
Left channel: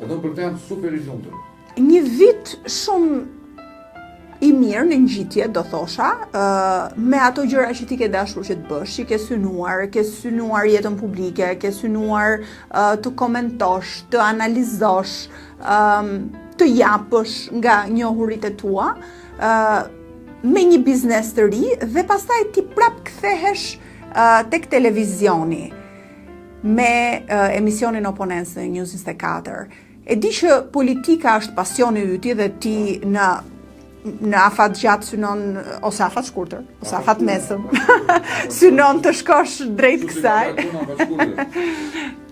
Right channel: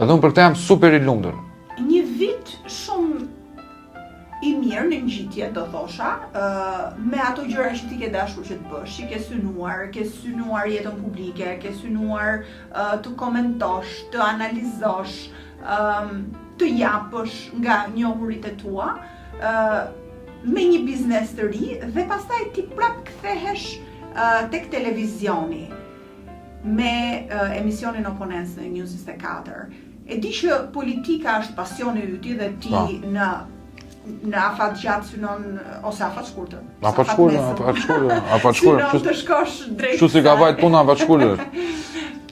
Edhe unë për këtë jam super i lumtur. Një vit shumë i mirë në ngjitje, do thosha, me ato gjëra që ti ke dashur që të bësh, që ke synuar jetën publike, ke synuar të komentosh, të analizosh, të japësh nga njohuritë tua, me një biznes të ri dhe pastaj ti prap kthehesh tek televizioni me emisionin Oponens në News 24. E di që politika është pasioni yti dhe ti në afat gjatë synon, ose afat shkurtër, ose afat nesër, synon të shkosh drejt kësaj. Kështu si ka vajt puna afat shkurtër.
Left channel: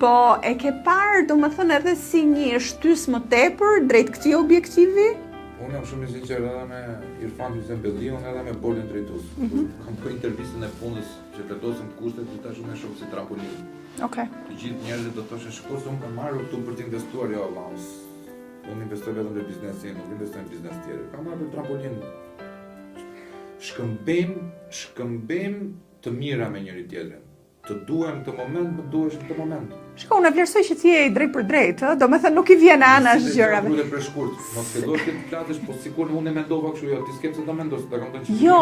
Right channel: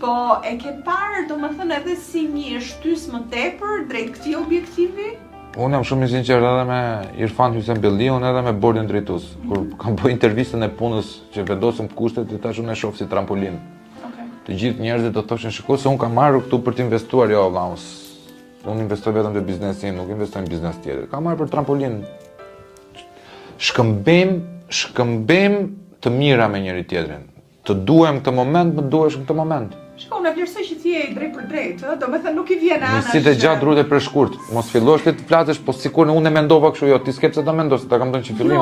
Po, e ke parë, domethënë edhe si një shtys më tepër drejt këtij objektivi? Unë jam shumë i sinqert edhe me Irfan Hysem Belliun edhe me bordin drejtues. Kur kam bërë intervistën e punës që vendosëm kushtet, i tash unë e shoh si trampolin. Okej. Të gjithë njerëzit do thoshin shikoj se unë kam marrë këtu për të investuar, jo valla. Unë investoj vetëm te biznesi, nuk investoj në biznes tjetër. Kam marrë për trampolin. Shkëmbim të mira me njëri tjetrin. Të duhem këtë moment, më duhesh në këtë moment. Shiko, unë e vlerësoj që ti je drejt për drejt, do me thënë nuk i vjen anash. Si të gjatë rrute për shkurt. Mos fillosh ti të flasësh, po sikur unë e mendova kështu, jo, ti s'ke pse ta mendosh, ta kam thënë që fillim. Jo,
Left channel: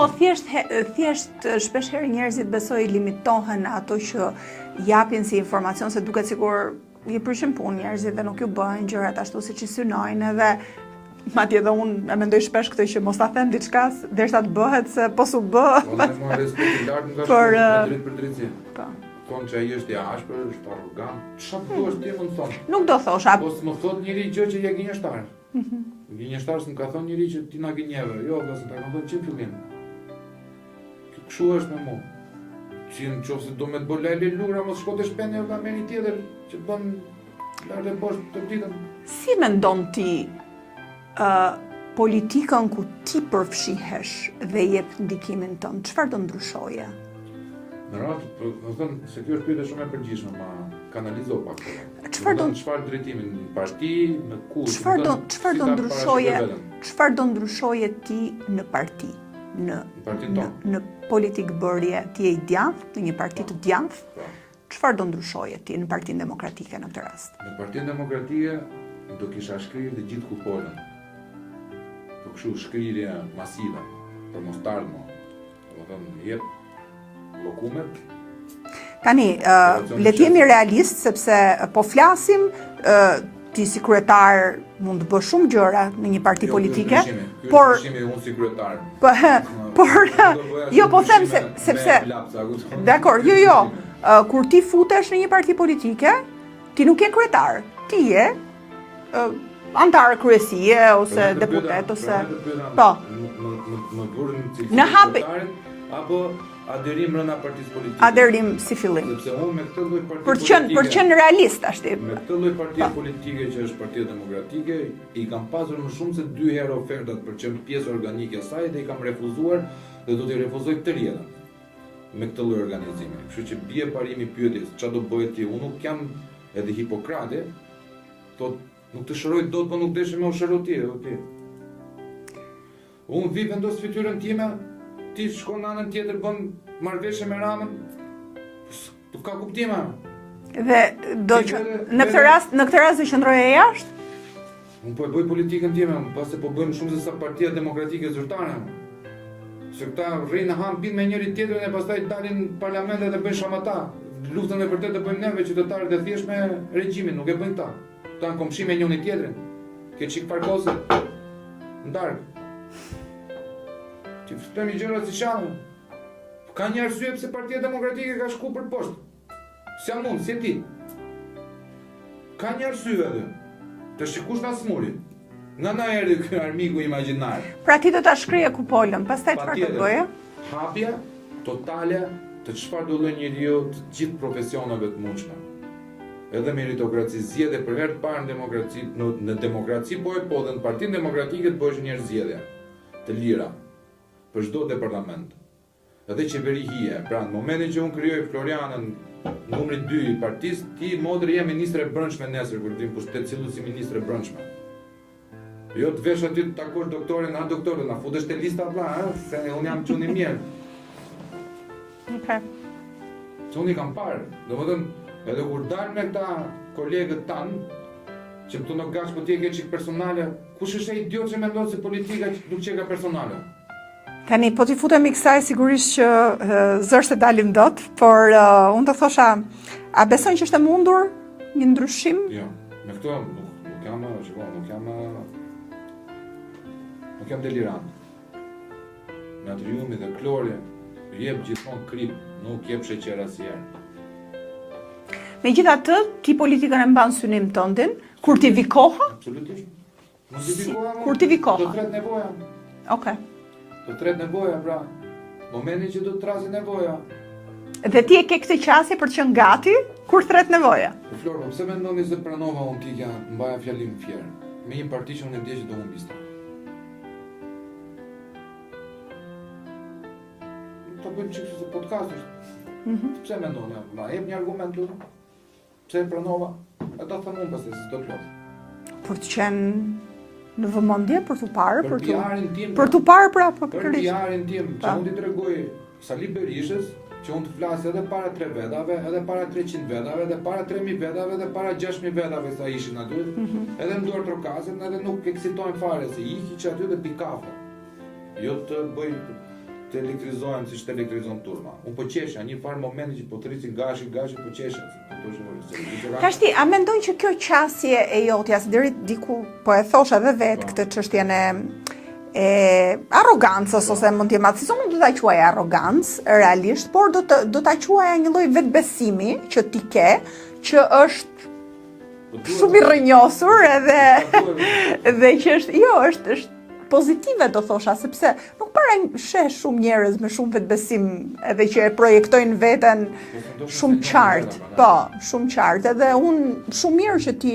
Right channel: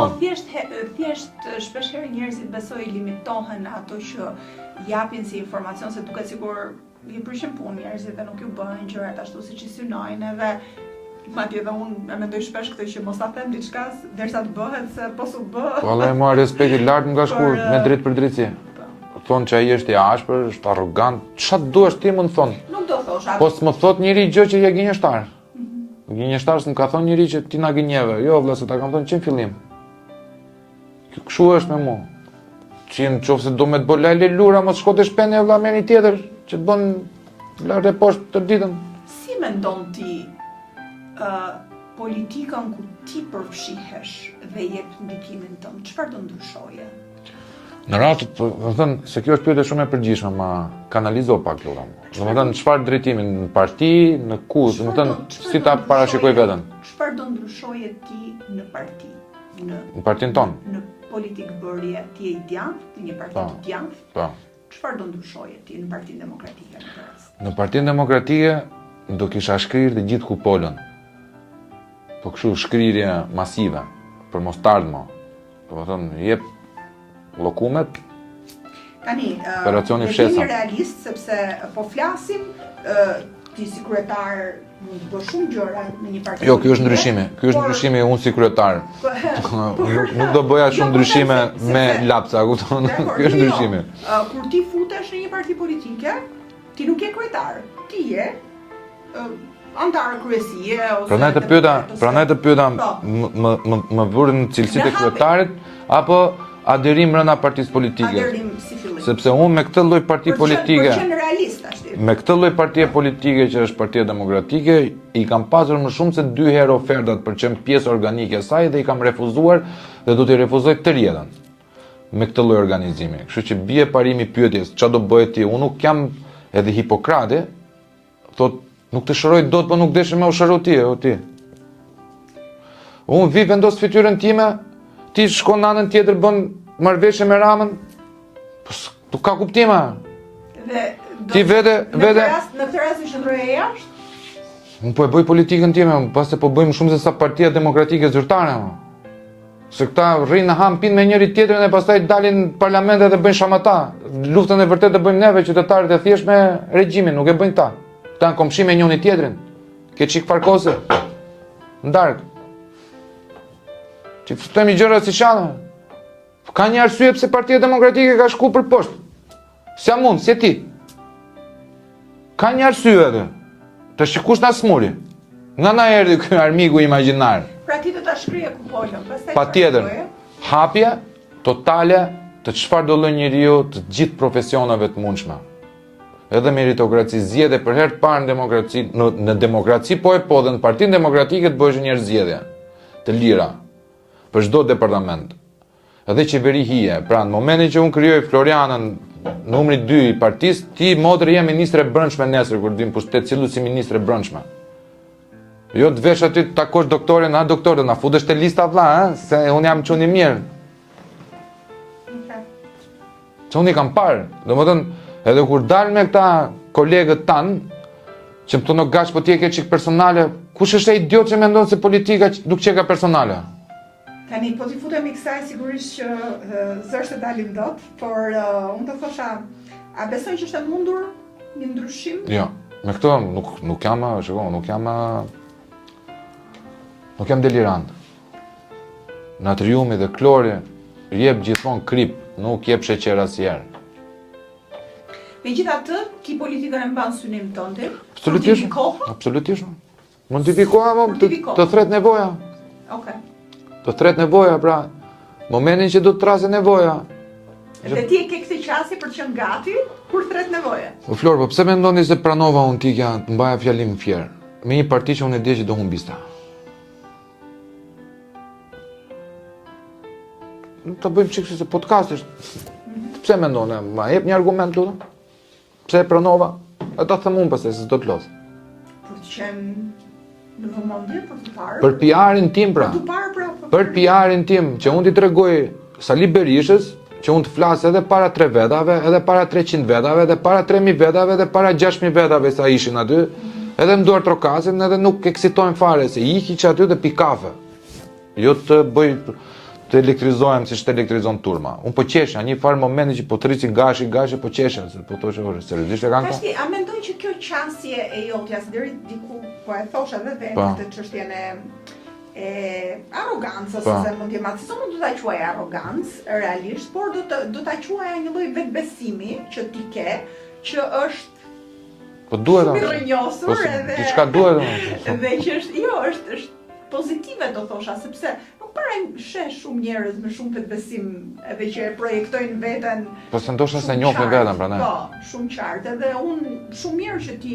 thjesht shpesh herë njerëzit besoj limitohen ato që japin si informacion, se duket sikur i prishin punë njerëzit dhe nuk ju bëjnë gjërat ashtu siç i synojnë edhe madje edhe unë e mendoj shpesh këtë që mos ta them diçka derisa të bëhet se po su bë. Valla e marr respekt i lartë nga shkurt me drejt për drejtësi. Thonë që ai është i ashpër, është arrogant. Çfarë duhesh ti më thonë? Nuk do thosha. Po s'më thot njëri gjë që je gënjeshtar. Gënjeshtar s'm ka thonë njëri që ti na gënjeve. Jo vëlla, se ta kam thonë që në fillim. Kështu është me mua. Që nëse do me të bëj lajle lura, mos shko të shpene vëlla me një tjetër që të bën lart e poshtë të ditën. Si mendon ti politikën ku ti përfshihesh dhe jep ndikimin tënd? Çfarë do ndryshoje? Në rast, do të thënë se kjo është pyetje shumë e përgjithshme, ma kanalizo pak këtu. Do të thënë çfarë drejtimi në parti, në ku, do të thënë si ta parashikoj veten. Çfarë do ndryshoje ti në parti? Në partinë tonë. Në politikë bërje, ti je i djathtë, në një parti të djathtë. Po. Çfarë do ndryshoje ti në Partinë Demokratike në këtë rast? Në Partinë Demokratike do kisha shkrirë të gjithë kupolën. Po kështu shkrirje masive për mostardhmë. Do të thënë jep llokumet. Tani, le të jemi realist, sepse po flasim, ti si kryetar mund të bësh shumë gjëra në një parti politike. Jo, ky është ndryshimi. Ky është ndryshimi unë si kryetar. Nuk do bëja shumë ndryshime me lapsa, kupton? Dakor, jo. Kur ti futesh në një parti politike, ti nuk je kryetar. Ti je antar kryesie ose deputet. Pranaj të pyeta, më vërin në cilësitë e kryetarit apo aderim brenda partisë politike. Aderim si fillim. Sepse unë me këtë lloj parti politike. Për qenë realist ashtu. Me këtë lloj partie politike që është Partia Demokratike, i kam pasur më shumë se 2 herë ofertat për të qenë pjesë organike e saj dhe i kam refuzuar dhe do t'i refuzoj të rjetën. Me këtë lloj organizimi. Kështu që bie parimi pyetjes, çfarë do bëhet ti? Unë nuk jam edhe Hipokrate, thotë nuk të shëroj dot, po nuk deshe me u shëroj ti, o ti. Unë vi vendos fytyrën time, ti shkon në anën tjetër bën marrëveshje me Ramën. Po nuk ka kuptima. Dhe do ti vete në këtë rast do qëndroje jashtë? Unë po e bëj politikën time, pas se po bëjmë shumë se sa Partia Demokratike zyrtare. Se këta rrinë në ham pinë me njëri tjetrin dhe pastaj dalin në parlamentet dhe bëjnë shamata. Luftën e vërtet e bëjmë neve qytetarët e thjesht me regjimin, nuk e bëjnë ta. Ta në komshime njëri tjetrin. Ke qik farkose. Ndark. Që fëtëm i gjëra si shana. Ka një arsye pse Partia Demokratike ka shku për poshtë. S'ja mund, si e ti. Ka një arsye edhe. Të shikush na smuri. Nga na erdhi ky armiku imagjinar. Pra ti do ta shkrije kupolën, pastaj patjetër. Hapje totale të çfarë do lloj njeriu të gjithë profesioneve të mundshme. Edhe meritokraci zgjedhje për herë të parë në demokraci, në demokraci po dhe në Partinë Demokratike të bëhesh një zgjedhje të lira për çdo departament. Edhe qeveri hije. Pra në momentin që unë krijoj Florianën numri 2 i partisë, ti modri je ministre e brendshme nesër kur dim pushtet cillu si ministre e brendshme. Jo të vesh aty të takosh doktorin, doktor, na futesh te lista vlla, se unë jam çuni mirë. Okay. Se unë i kam parë. Domethënë, edhe kur dal me këta kolegët tan, që më thonë gash po ti e ke çik personale, kush është ai idiot që mendon se politika nuk çeka personale? Tani, po t'i futemi kësaj sigurisht që zërsht e dalim dot, por unë të thosha, a besojnë që është e mundur një ndryshim? Jo, me këto nuk jam delirant. Natriumi dhe klori jep gjithmonë krip, nuk jep sheqer asnjëherë. Megjithatë, ti politikën e mban synim tëndin, kur t'i vi koha? Absolutisht. Mund t'i vi koha, Kur t'i vi koha. të thret nevoja. Okej. Të thret nevoja, pra, momentin që do të trase nevoja. Dhe ti e ke këtë qasje për të qenë gati kur thret nevoja. Flor, po pse mendoni se pranova unë tikja të mbaja fjalim fjerë? Me një parti që unë e di që do humbista. Ta bëjmë çik se podcast është. Pse mendon? Ma jep një argument lutem? Pse e pranova? E ta them unë pastaj se s'do të lodh. Për të qenë në vëmendje, për të parë. Për PR-in tim pra. Për të parë pra. Për PR-in tim, që unë t'i tregoj Sali Berishës, që unë të flas edhe para 3 vetave, edhe para 300 vetave, edhe para 3000 vetave, edhe para 6000 vetave sa ishin aty, edhe më duar trokasin, edhe nuk eksitojnë fare, se iki që aty dhe pi kafe. Jo të bëj të elektrizohem si që të elektrizon turma. Unë po qesha, një farë momenti që po të rrici gashi, po qesha, se po të shë seriosisht e kanë. Kashti, a mendoj që kjo qasje e jotja, se deri diku po e thosha dhe vetë këtë çështjen e arrogancës, ose mund t'jem atë, si unë do t'a quaj arrogancë, realisht, por do t'a quaja një lloj vetbesimi që ti ke, që është shumë i rrënjosur edhe që është pozitive do thosha, sepse nuk para sheh shumë njerëz me shumë vetbesim edhe që e projektojnë veten shumë qartë. Po, shumë qartë, edhe unë shumë mirë që ti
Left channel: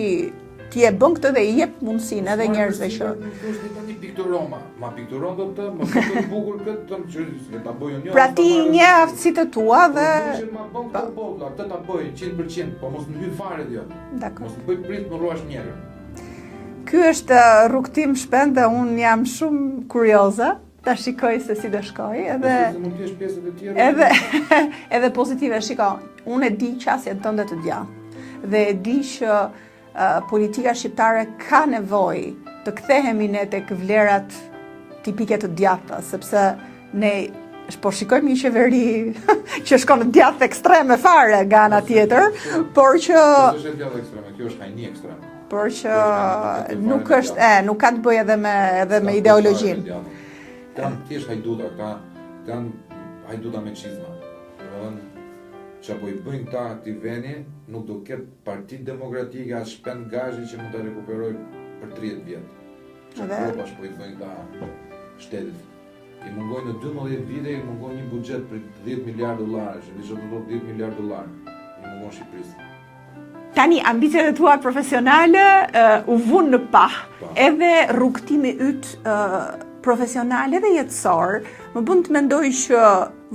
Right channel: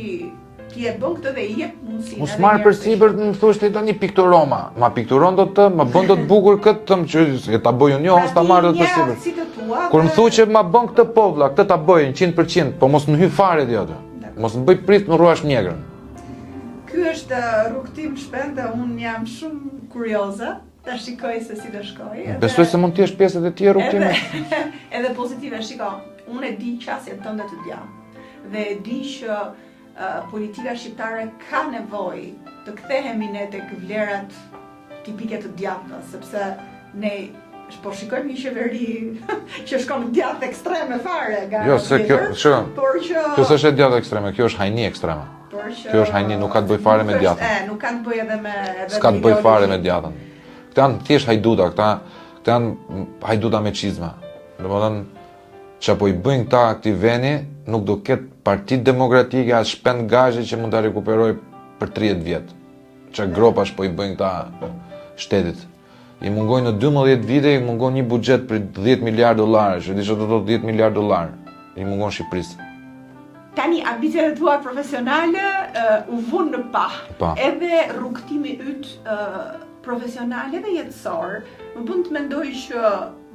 e bën këtë dhe i jep mundësinë edhe njerëzve. Mos marr përsipër të më thosh ti tani pikturoma. Ma pikturon do të, ma bën do të bukur këtë tëm që ta bëj unë, ose ta marr një aftësitë të tua dhe kur më thuaj që ma bën këtë povlla, këtë ta bëj 100%, po mos më hy fare ti aty. Mos më bëj prit më ruash mjegrën. Ky është rrugtim shpend dhe unë jam shumë kurioze ta shikoj se si do shkoj. Besoj se mund të jesh pjesë edhe ti e rrugtimit. Edhe pozitive, shiko, unë e di qasjen tënde të gjatë dhe e di që politika shqiptare ka nevojë të kthehemi ne tek vlerat tipike të djathta, sepse ne po shikojmë një qeveri që shkon në djathtë ekstreme fare nga ana tjetër, por që kjo s'është djathtë ekstreme, kjo është hajni ekstreme. Por që kjo është hajni, nuk ka të bëjë fare me djathtën. Nuk ka të bëjë edhe me ideologji. S'ka të bëjë fare me djathtën. Këta janë thjesht hajduta, këta janë hajduta me çizma. Domethënë çapo i bëjnë këta këtij veni, nuk do ketë Partitë Demokratike as shpend gazhe që mund ta rekuperoj për 30 vjet. Çka gropash po i bëjnë këta shtetit. I mungojnë në 12 vite, i mungon një buxhet për 10 miliardë dollarë, që di që do të 10 miliardë dollarë. I mungon Shqipërisë. Tani, ambicjet e tua profesionale u vunë në pah, edhe rrugtimi yt profesional edhe jetësor, më bën të mendoj që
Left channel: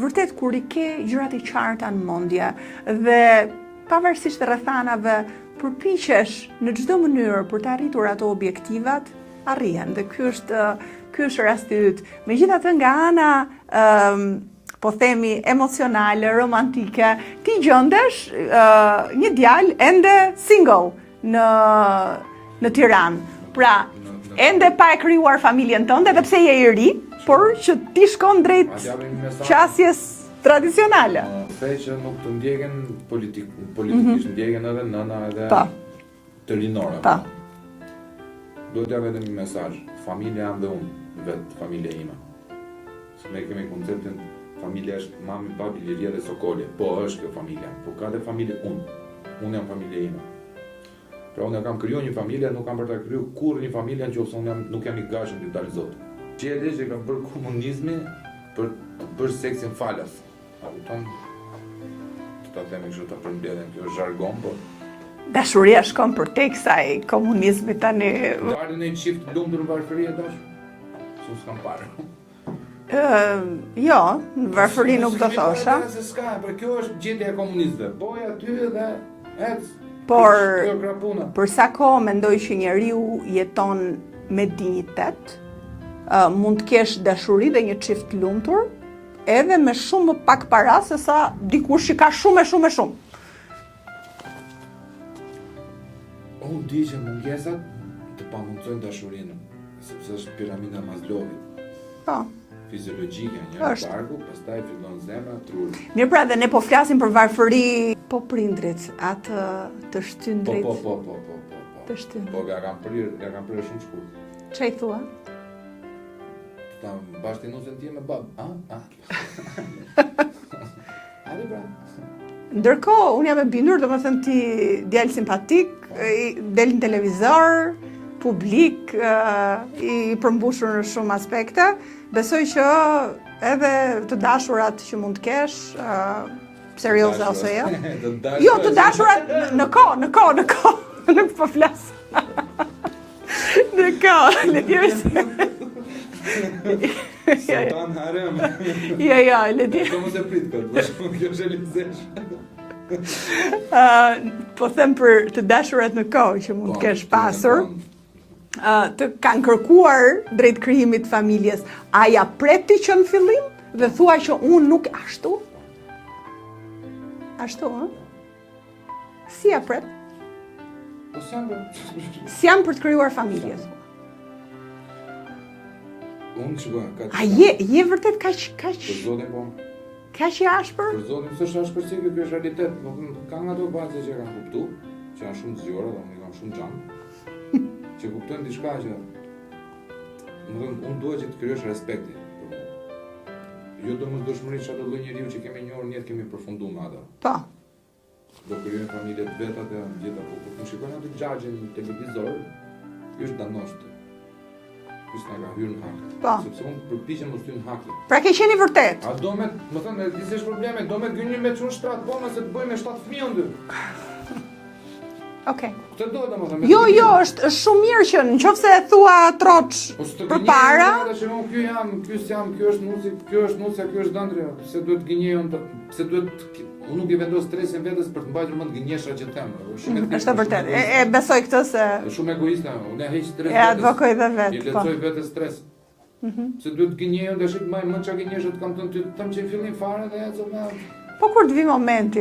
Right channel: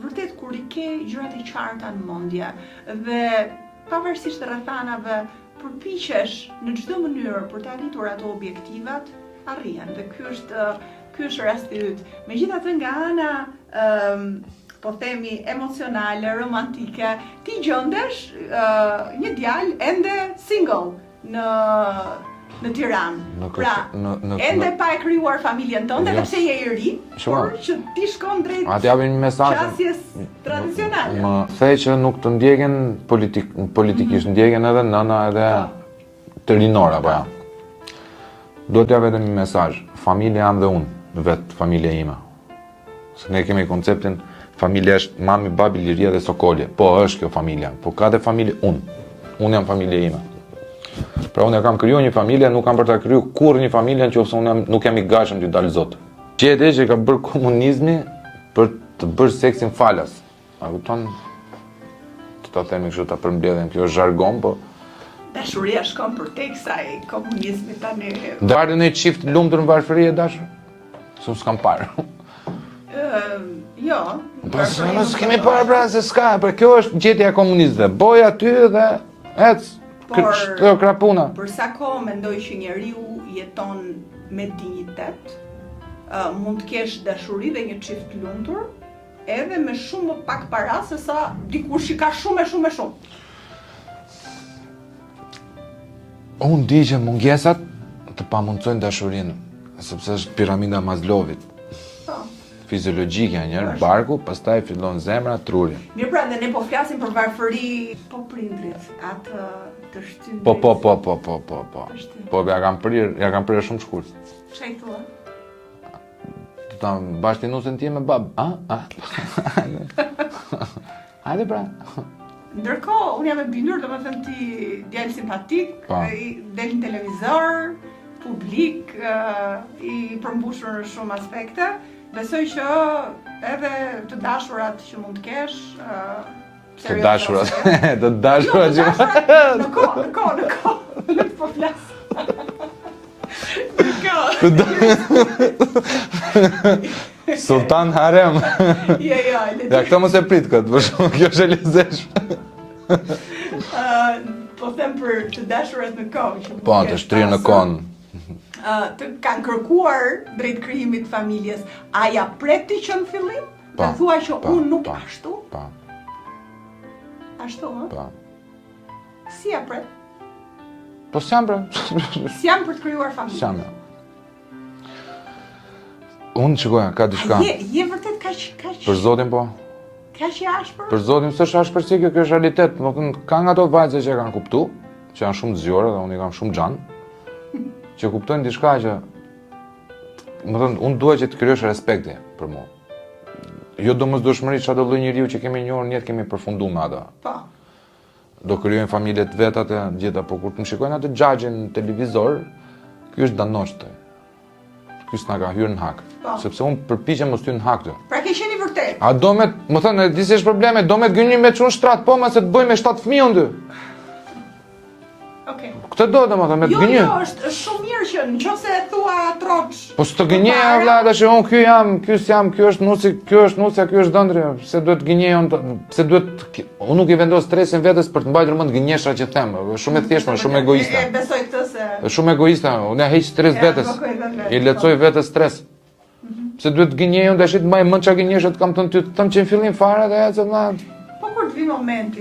vërtet kur i ke gjërat e qarta në mendje dhe pavarësisht rrethanave përpiqesh në çdo mënyrë për të arritur ato objektivat, arrihen. Dhe ky është rasti yt. Megjithatë nga ana po themi emocionale, romantike, ti gjendesh një djalë ende single në Tiranë. Pra, ende pa e krijuar familjen tënde, edhe pse je i ri, por që ti shkon drejt qasjes tradicionale. Më the që nuk të ndjeken politikisht, ndjeken edhe nëna edhe të rinora, pra. Do t'ja vetëm një mesazh, familja jam dhe unë, vetë familja ime. Se ne kemi konceptin familja është mami, babi, liria dhe sokolje. Po, është kjo familja. Po, ka dhe familje unë. Unë jam familje ime. Pra, unë e kam kriju një familje, nuk kam për ta kriju kur një familje në që unë nuk jam i gashëm të dalë zotë. Qete që ka bërë komunizmi për të bërë seksin falas. A kupton? Të ta themi kështu ta përmbledhen, kjo është zhargon, po... Dashuria shkon për tek kësaj komunizmi tani... Darë në i qift lumtur në varfëri e dashur? Su s'kam parë. Jo, në varfëri nuk të s'kemi parë pra se s'ka, për kjo është gjetja e komunistëve. Boj aty dhe ec, kjo krapuna. Për sa kohë mendoj që njeriu jeton me dinjitet, mund të kesh dashuri dhe një çift lumtur, edhe me shumë më pak para se sa dikush që ka shumë. Unë di që mungesat të pamundësojnë dashurinë. Sepse është piramida Maslowit. Po. Fiziologjike njërë, Është. barku, pastaj fillon zemra, truri. Mirë pra, dhe ne po flasim për varfëri, po prindrit, atë të shtyn Po. Të shtyn. Po, ja kam prirë shumë shkurt. Çfarë i thua? Ta bashkëtinusën ti me bab. Hajde pra. Ndërkohë, unë jam e bindur, domethënë ti djalë simpatik, Po. del në televizor, publik, i përmbushur në shumë aspekte. Besoj që edhe të dashurat që mund të kesh, serioze ose jo. Të Jo, dashurat. të dashurat në kohë. Nuk po flas. Në kohë. Sultan Harem. Jo, Ja, këto mos e prit këtë, për shumë, kjo është e lezeshme. Po them për të dashurat në kohë që mund Po, të të kesh shtrirë në pasur. konë. Të kanë kërkuar drejt krijimit të familjes. A ja pret ti që në fillim? Dhe Po, thua që po, unë nuk po. ashtu? Po, Ashtu, ë? po. Si ja pret? Po s'jam pra. Si jam për të krijuar S'jam familjes? pra. Unë shikoja, ka A diçka. je vërtet kaq Për zotin po. kaq i ashpër? Për zotin, s'është ashpërsi kjo është realitet. Më thënë, ka nga ato vajzë që e kanë kuptu, që janë shumë zgjore dhe unë i kam shumë gjanë, që kuptojnë diçka që, më thënë, unë duhet që të krijosh respekti për mua. Jo domosdoshmëri çdo lloj njeriu që kemi njohur në jetë kemi përfunduar me ato. Po. Do krijojnë familje të veta të gjitha, po kur të më shikojnë atë xhaxhin në televizor, ky është danoshtë. Ky s'na ka hyrë në hak. Po. Sepse unë përpiqem mos hy në hak të. Pra ke qenë i vërtet. A do me, më thënë, di si është probleme, do me gënjim me çun shtrat, po me se të bëj me 7 fëmijë unë dy. Okej. Këtë do të më thënë, me të Jo, gënjim. është shumë mirë që nëse e thua troç. Po s'të gënjej vlla, tash unë ky jam, ky s'jam, ky është nusi, ky është nusja, ky është dëndri. Pse duhet gënjej unë, pse duhet unë nuk i vendos stresin vetes për të mbajtur mend gënjeshtra që them. Është shumë e thjeshtë, shumë egoiste. E besoj këtë se Është shumë egoiste, unë ja heq stres E vetes. advokoj dhe vetë, I lehtësoj vetes stres. Pse duhet gënjej unë, tash të mbaj mend çka gënjeshtra të kam thënë ty, të them që në fillim fare dhe ecë vlla. po kur të vi momenti,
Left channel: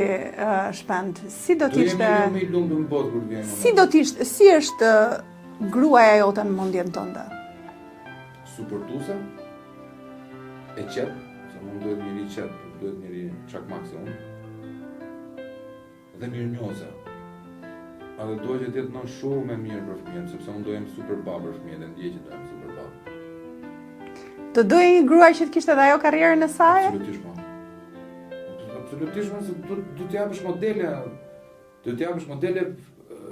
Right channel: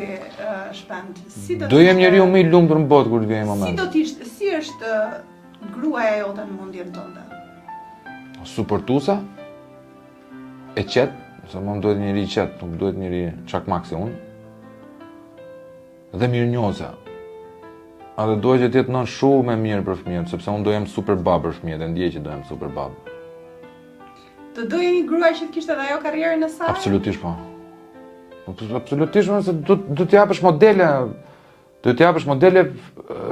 Shpend, si do Do të jem njeriu më i lumtur në botë kur të vijë Si momenti. do t'ishte, si është gruaja jote në mendjen tënde? Suportuesa, e qetë, se më duhet njëri i qetë, nuk duhet njëri çakmak si unë, dhe mirënjohëse. A dhe duhet që t'jetë nën shumë e mirë për fëmijën, sepse unë do jem super babë për fëmijët, e ndjej që do jem super babë. Të doje një grua që të kishte edhe ajo karrierën e saj? Absolutisht po. Absolutisht se do t'japësh modele,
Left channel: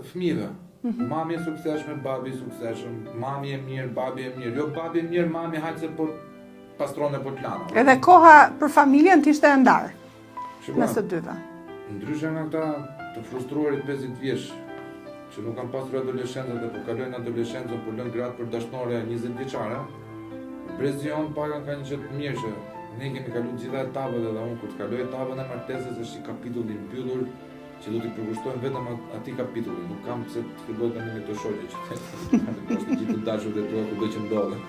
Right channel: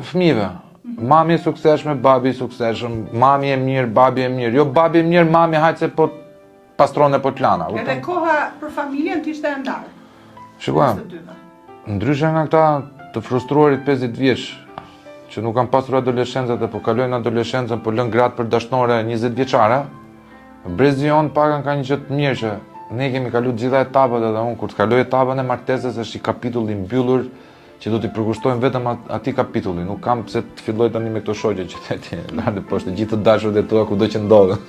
fëmijëve. Mami e suksesshme, babi i suksesshëm, mami e mirë, babi e mirë. Jo babi e mirë, mami hajtë se po pastron e po t'lana. Edhe koha për familjen t'ishte e ndarë. Shikoj, Së dyve. ndryshe nga këta të frustruarit 50 vjeç, që nuk kanë pasur adoleshencët dhe po kalojnë adoleshencën, po lën gratë për dashnore 20 vjeçare, brezi jonë pakan ka një që të mirë që ne kemi kalu gjitha etapat edhe unë kur të kaloj etapën e martesës është i kapitulli mbyllur që do t'i përkushtojmë vetëm atij kapitulli. Nuk kam pse të filloj tani me këto shoqe që theti, ardhe poshtë gjithë të dashurit e tua kudo që ndodhen.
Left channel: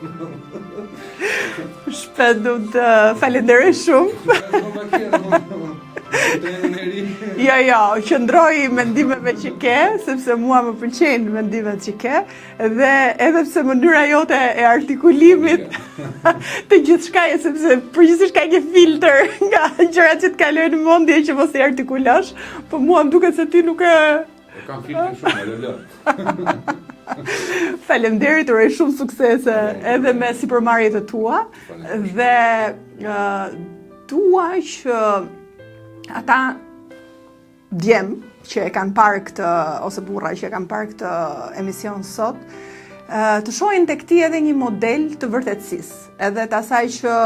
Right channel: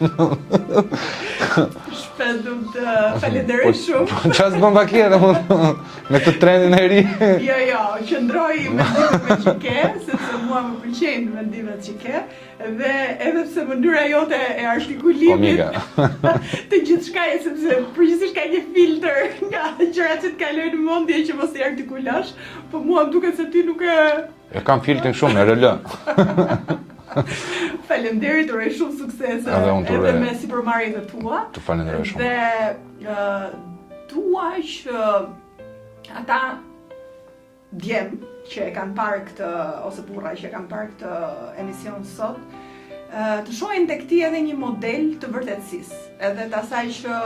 Shpet du të falenderoj shumë. Çfarë bën bakira me të trendin e ri? Jo, qëndroj mendimeve që ke, sepse mua më pëlqejnë mendimet që ke, dhe edhe pse mënyra jote e artikulimit të gjithçkaje, sepse përgjithsisht ka një filtr nga gjërat që të kalojnë në mendje që mos i artikulosh, po mua më duket se ti nuk e E kam filtrin shumë, e rëllë. Faleminderit, uroj shumë suksese Edhe unë të edhe uroj. me sipërmarrjet e tua. Të falenderoj shumë. Dhe dua që ata djem që e kanë parë këtë, ose burra që e kanë parë këtë emision sot, të shohin tek ti edhe një model të vërtetësisë, edhe të asaj që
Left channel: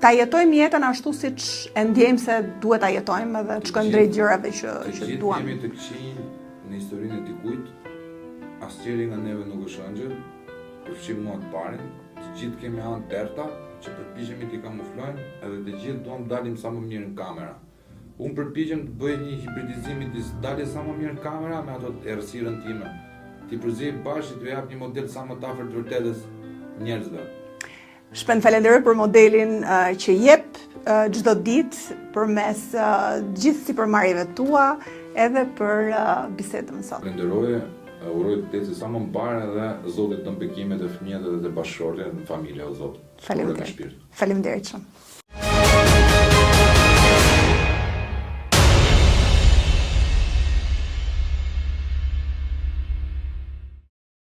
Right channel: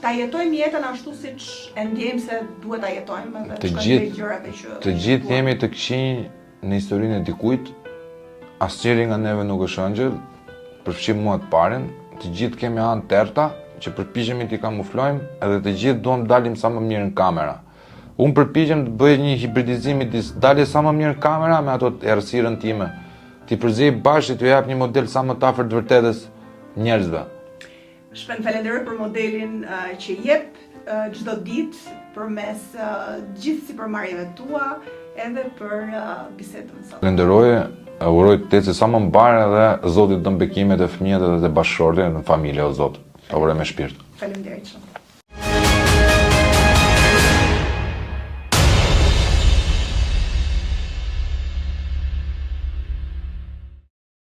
ta jetojmë jetën ashtu siç e ndjejmë se duhet ta jetojmë edhe të shkojmë drejt gjërave që Të që gjithë duam. jemi të këqij në historinë e dikujt, asnjëri nga neve nuk është ëngjël, përfshim mua të parin, të gjithë kemi anë terta që përpiqemi t'i kamuflojmë edhe të gjithë duam dalim sa më mirë në kamera. Unë përpiqem të bëj një hibridizim midis daljes sa më mirë në kamera me ato errësirën time. Ti përzej bashkë t'ju jap një model sa më të afërt të vërtetës njerëzve. Shpend falenderoj për modelin që jep çdo ditë përmes gjithë sipërmarrjeve tua edhe për bisedën sot. Falenderoj Uroj të eci sa më mbarë edhe Zotit dëm bekimet e fëmijët edhe të bashkëshortit në familje o Zot. Ta uroj me shpirt. Faleminderit shumë.